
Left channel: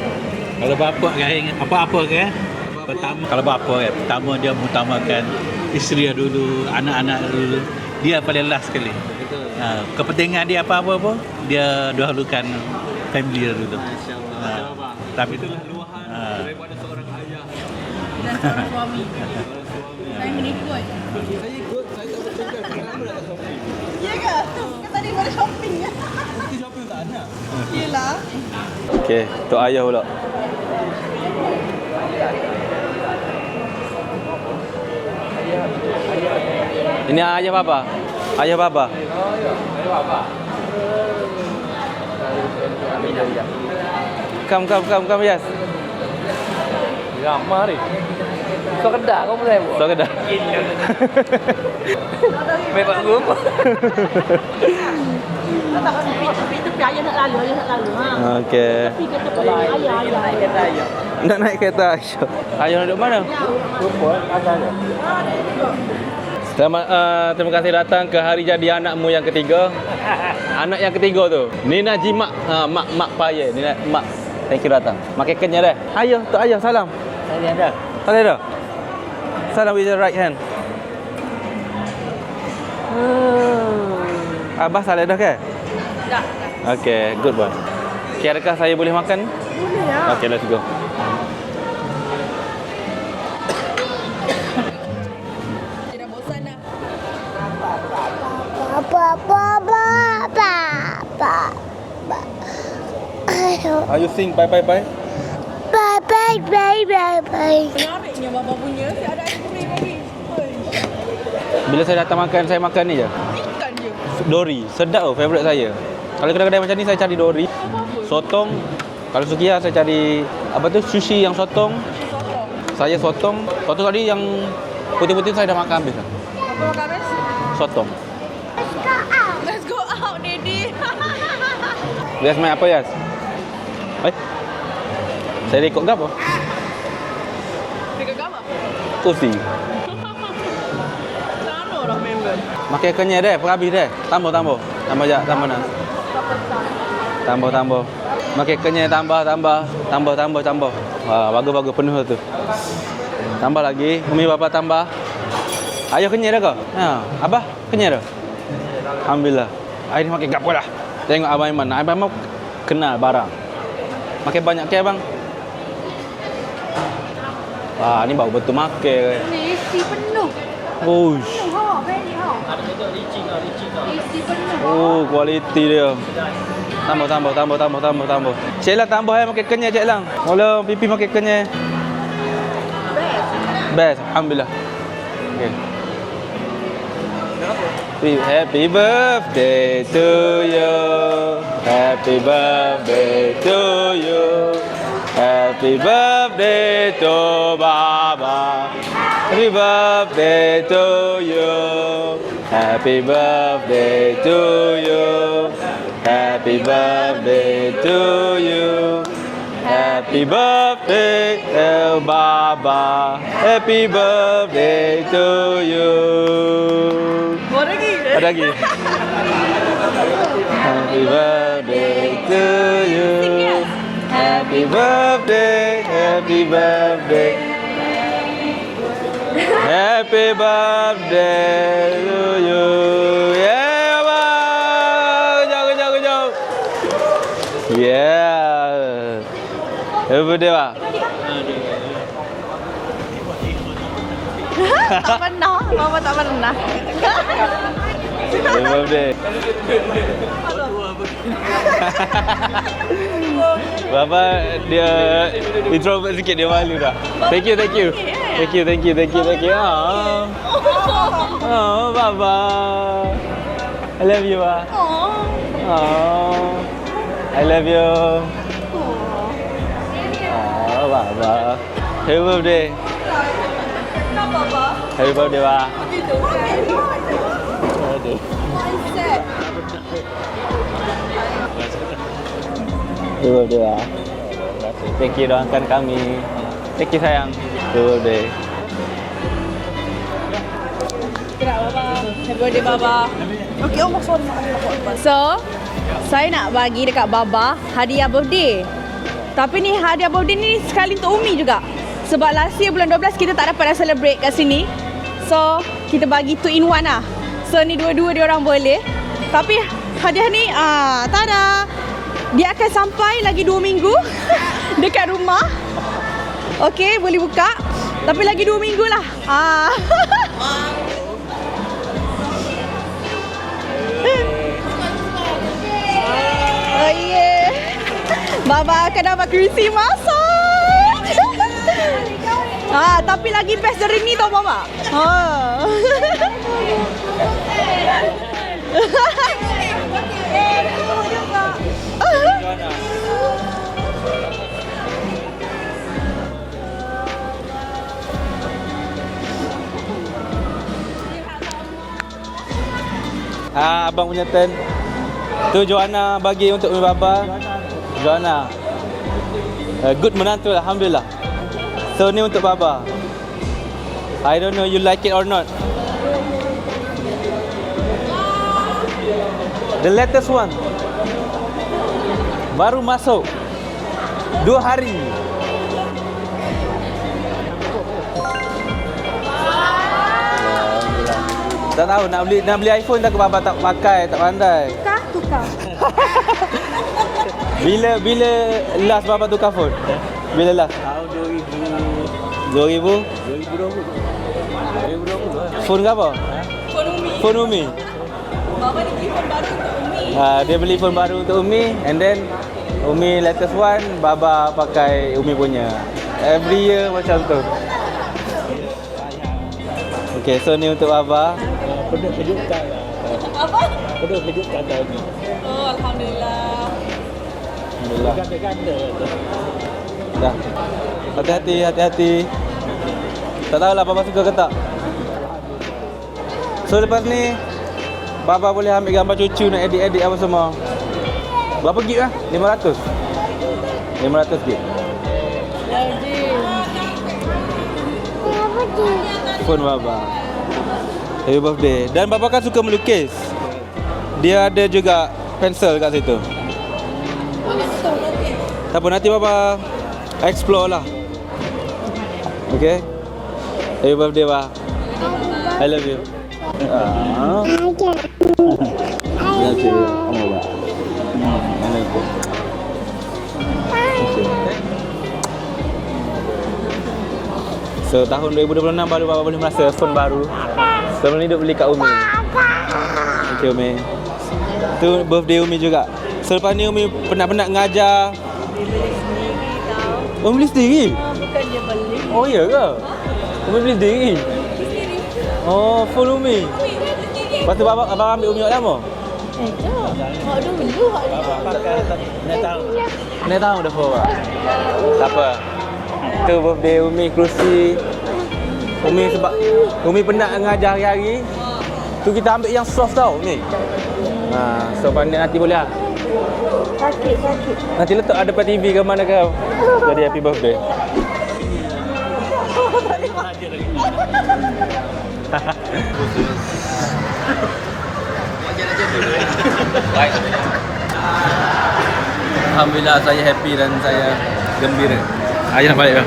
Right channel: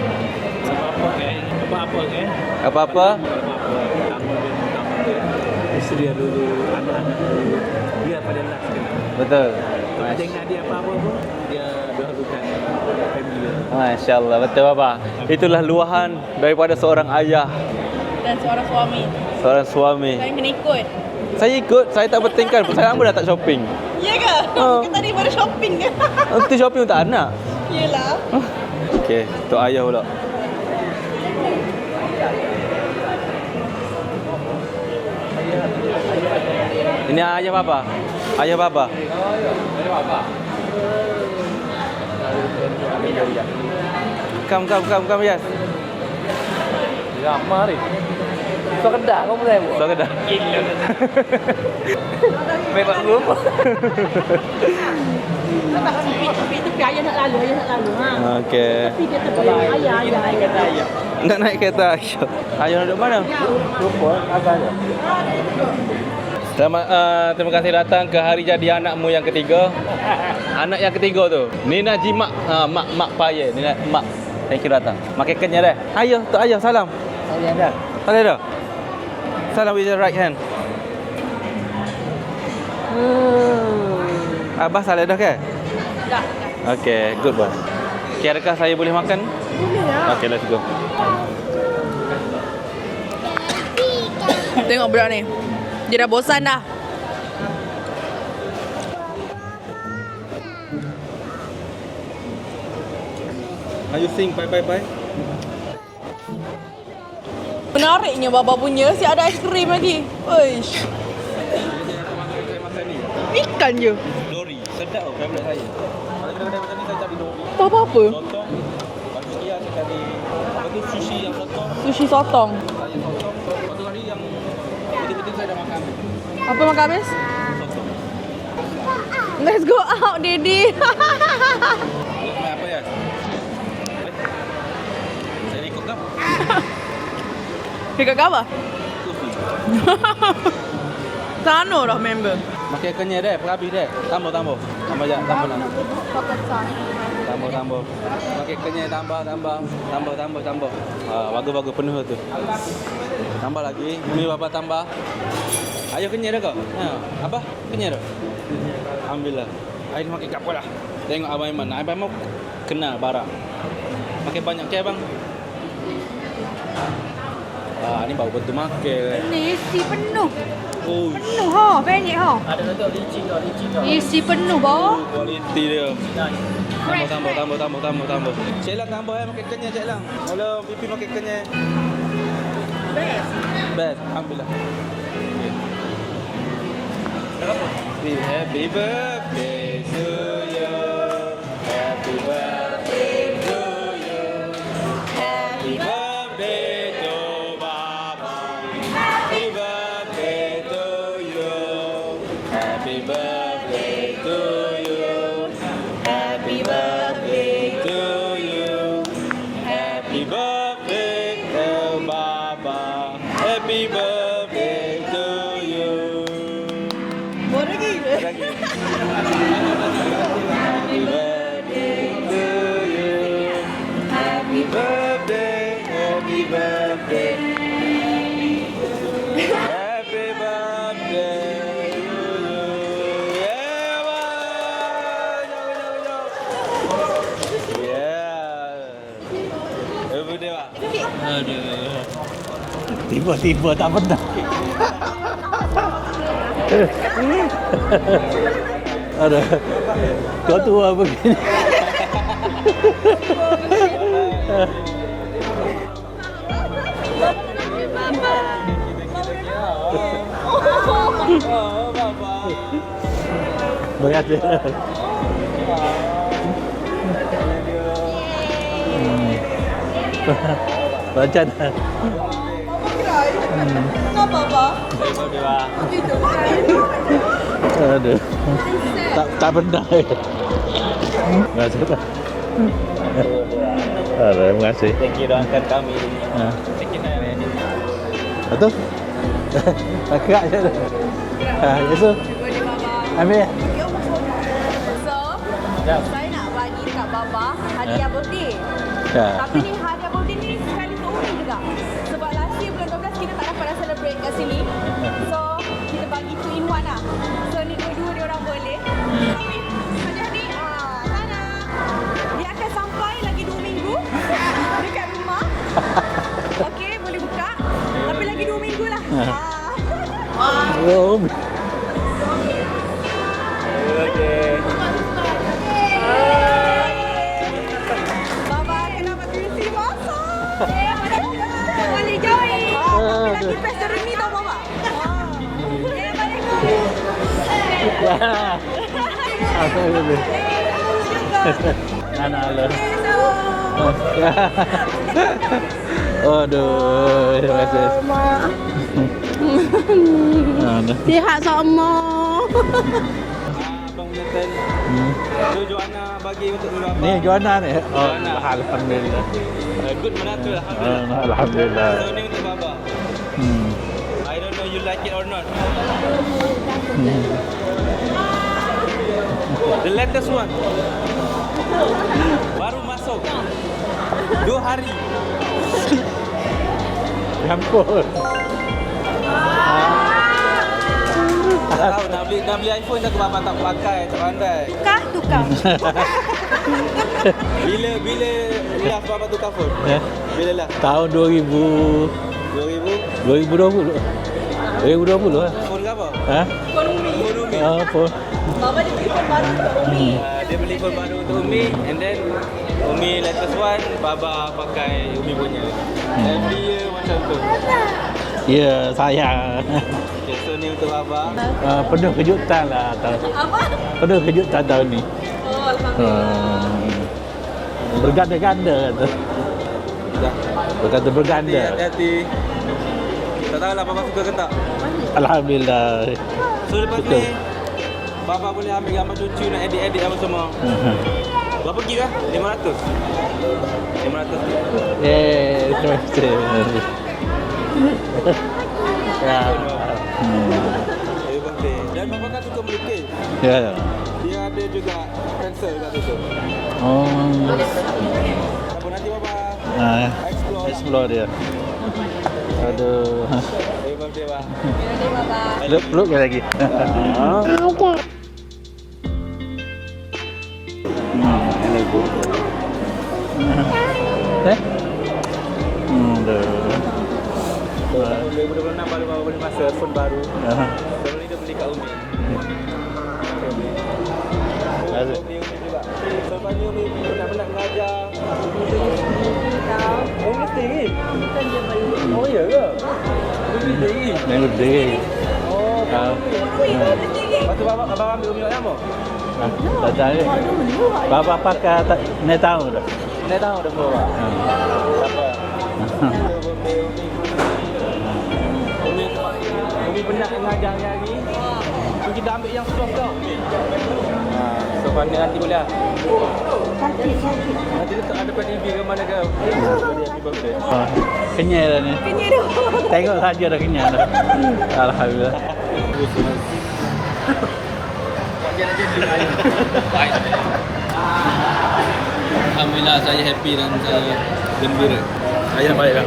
Kalau bapa kan apa-apa kan. Apa-apa? Kalau bapa kan pertama dia mengutamakan isteri dulu, anak-anak dulu. Dia paling last sekali. Betul. Kepentingan dia apa-apa pun dia dahulukan family dia dulu. Masya-Allah, betul baba. Itulah luahan daripada seorang ayah Dan seorang suami. Saya kena ikut. Saya ikut, saya tak bertingkar. Saya lama dah tak shopping. Ya ke? Kau tadi baru shopping ke? Nanti shopping untuk anak. Yelah. Okey, untuk ayah pula. Ini ayah baba. Ayah baba. Come, yes. Ramah ni. Kau kedak kau boleh buat. Kau kedah. Gila. Memang rumah. Itu ayah nak lalu. Okey. Ayah. Nak naik kereta ayah. Ayah duduk mana? Rupa agak ada. Selamat, terima kasih datang ke hari jadi anakmu yang ketiga. Anak yang ketiga tu. Nina Jimak, mak payah. Nina mak. Thank you datang. Makan kenyang dah. Ayah, tu ayah salam. Saya ada. Ada. Salam with your right hand. Abah salah dah ke? Dah. Okay, good boy. Okay, adakah saya boleh makan? Boleh lah. Okay, let's go. Tengok budak ni. Dia dah bosan dah. You sing bye. Menariknya baba punya. Si ada aiskrim lagi. Uish. Bila saya datang makan, saya makan ni je. Ikan je. Dori. Sedap tau, favourite saya. Kalau kedai-kedai macam ni, saya cari dori. Tak apa-apa. Sotong. Kalau Sukiya, saya cari apa tu, sushi yang sotong. Sushi sotong. Saya sotong. Sotong tadi yang putih-putih saya dah makan habis. Apa makan habis? Sotong. Let's go out, Didi. Yas main apa, Yas? Saya rekod ke apa? Dekat apa? Kursi. Sana dah member. Makan kenyal deh, habis deh. Tambah. Tambah je, tambah nak. Tambah. Makan kenyal, tambah. Bagus penuh tu. Tambah lagi. Umi bapa tambah. Ayah kenyal dah kau? Abah kenyal dah? Alhamdulillah. Air ni makan gapo lah. Tengok Abang Iman. Abang mau kenal barang. Makan banyak ke abang? Ni baru betul makan. Ni isi penuh. Uish. Penuh pendek isi penuh Oh, kualiti dia. Tambah. Cik Lang tambah makan kenyal Cik Lang. Kalau pipi makan kenyal. Best. Alhamdulillah. Okay. Happy birthday to you. Happy birthday to you. Happy birthday to Baba. Happy birthday to you. Happy birthday to you. Happy birthday to you. Happy birthday to Baba. Happy birthday to you. Ada lagi. Happy birthday to you. Happy birthday. Happy birthday. Happy birthday to you. Yeah, abang. Kejap. Yeah. Happy birthday, Pak. Tiba-tiba tak pernah. Tak pernah. Mama tak pernah. Happy birthday. Kau tua begini. Baba dia introvert sikit, dia malu dah. Thank you. Oh, Baba. I love you. I love you. Macam Happy birthday. Apa? Happy birthday, Mak. aduh. Tak pernah. Macam Happy birthday, Mak. terima kasih. Thank you doakan kami. Thank you, sayang. Happy birthday. Betul? Gerak je tu. Betul? Happy birthday, Baba. Ambil ya? So, saya nak bagi dekat Baba hadiah birthday. Tapi ni hadiah birthday ni sekali untuk Umi juga. Sebab last year bulan 12 kita tak dapat dah celebrate kat sini. So, kita bagi 2 in 1 lah. So, ni dua-dua dia orang boleh. Tapi hadiah ni, tada! Dia akan sampai lagi 2 minggu dekat rumah. Okey, boleh buka. Tapi lagi 2 minggu lah. Oh. Oh yeah. Baba akan dapat kerusi masak. Boleh join. Tapi lagi best dari ni tau Baba. Aduh, terima kasih. Sihat sama. Abang punya turn. Tu Joanna bagi untuk mi baba. Joanna ni. Joanna. Alhamdulillah. Good menantu, alhamdulillah. Alhamdulillah. So ni untuk baba. I don't know you like it or not. The latest one. Baru masuk 2 hari. Ya ampun. Tak tahu nak beli iPhone dah ke baba tak pakai, tak pandai. Tukar. Bila last baba tukar phone? Bila last? Tahun 2000 2000? 2020 lah. Phone ke apa? Ha? Phone Umi. Phone. Baba ni beli phone baru untuk Umi. Dia beli phone baru untuk Umi and then Umi latest one, baba pakai Umi punya. Every year macam tu. Ya, sayang. Okay, so ni untuk Baba. Penuh kejutan lah. Apa? Penuh kejutan tahun ni. Oh, alhamdulillah. Berganda-ganda tu. Hati-hati, hati-hati. Tak tahulah Baba suka ke tak. Alhamdulillah. So lepas ni Baba boleh ambil gambar cucu nak edit-edit apa semua. Berapa gig lah? 500? 500 gig? Phone Baba. Happy birthday. Dan Baba kan suka melukis. Ya. Dia ada juga pensel kat situ. Oh. Tak apa, nanti Baba explore lah. Explore dia. Okay? Happy birthday, Baba. I love you. Peluk lagi. So tahun 2026 baru Baba boleh merasa phone baru. Sebelum ni duk beli kat Umi. Okay Umi. Tu birthday Umi juga. Selepas ni Umi penat-penat ngajar. Umi beli sendiri? Oh iya ke? Umi beli sendiri? Birthday. Oh, phone Umi. Lepas tu Baba abang ambil Umi kat lama? Tak tahu. Bapa pakai tak nak tahu tak? Nak tahu dah Baba. Tak apa. Tu birthday Umi kerusi. Umi sebab Umi penat ngajar hari-hari. Tu kita ambil yang soft tau Umi. So pandai nanti boleh tak? Sakit. Nanti letak ada pada TV ke mana ke? Jadi happy birthday. Kenyal dah ni. Tengok saja dah kenyal dah. Alhamdulillah. Alhamdulillah saya happy dan saya gembira. Ayah nak balik dah.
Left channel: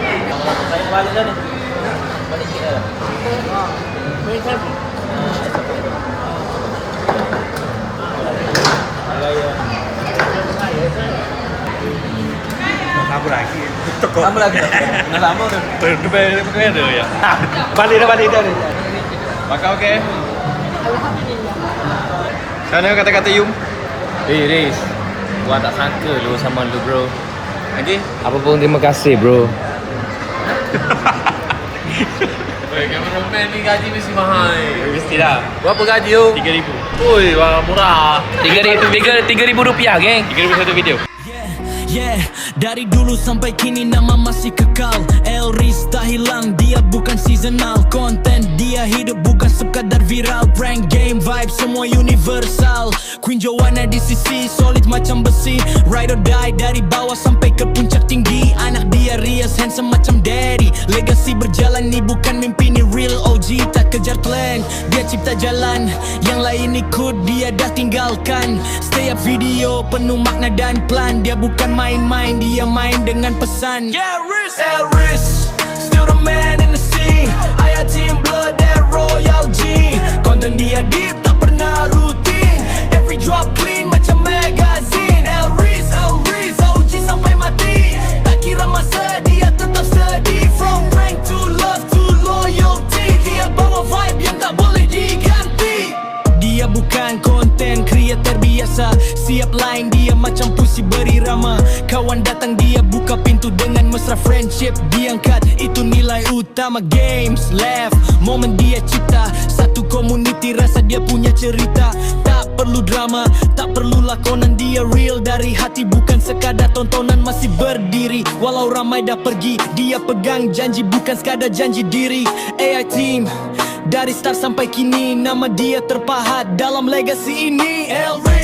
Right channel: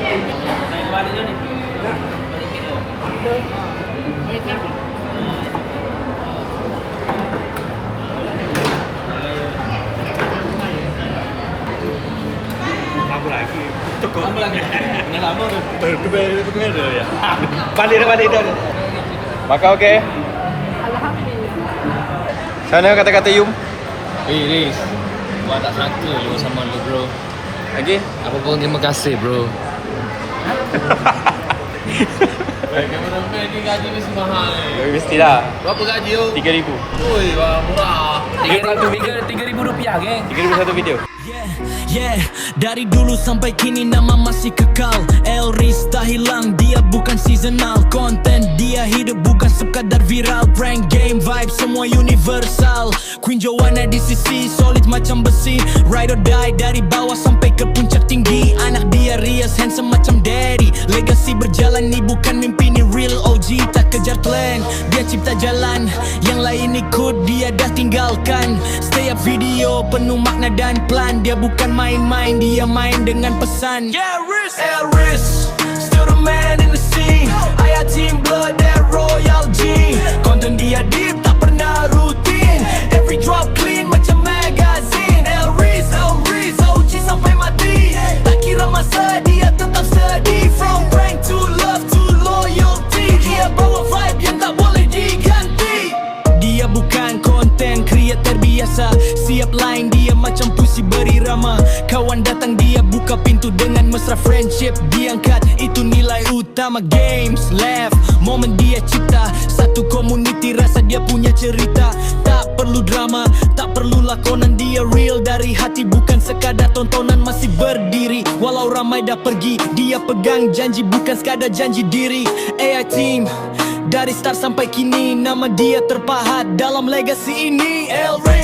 Apa lagi? Tambah lagi. Nak lama tu. Berkena dulu ya. Balik dah. Makan okey? Sana kata-kata Yum. Riz, gua tak sangka lu sama lu bro. Lagi? Apa pun terima kasih bro. Kameraman ni gaji mesti mahal ni. Mestilah. Berapa gaji tu? 3,000. Oi, wah murah. RM3,000 rupiah, geng. 3,000 satu video. Yeah, dari dulu sampai kini nama masih kekal. Elris tak hilang, dia bukan seasonal. Konten dia hidup bukan sekadar viral. Prank game vibe semua universal. Queen Joanna di sisi solid macam besi. Ride or die dari bawah sampai ke puncak tinggi. Anak dia Rias handsome macam daddy. Legacy berjalan ni bukan mimpi ni real OG. Tak kejar trend, dia cipta jalan. Yang lain ikut dia dah tinggalkan. Stay up video penuh makna dan plan. Dia bukan main-main, dia main dengan pesan. Yeah, Elris, still the man in the scene. Ayah team blood and royal G. Konten dia deep, tak pernah rutin. Every drop clean macam magazine. Elris, OG sampai mati. Tak kira masa, dia tetap steady. From prank to love to loyalty. Dia bawa vibe yang tak boleh diganti. Dia bukan konten creator biasa. Siap line dia macam puisi berirama. Kawan datang dia buka pintu dengan mesra friendship diangkat. Itu nilai utama games left. Momen dia cipta satu community rasa dia punya cerita. Tak perlu drama, tak perlu lakonan. Dia real dari hati bukan sekadar tontonan. Masih berdiri walau ramai dah pergi. Dia pegang janji bukan sekadar janji diri. AI team dari start sampai kini nama dia terpahat dalam legasi ini. Elris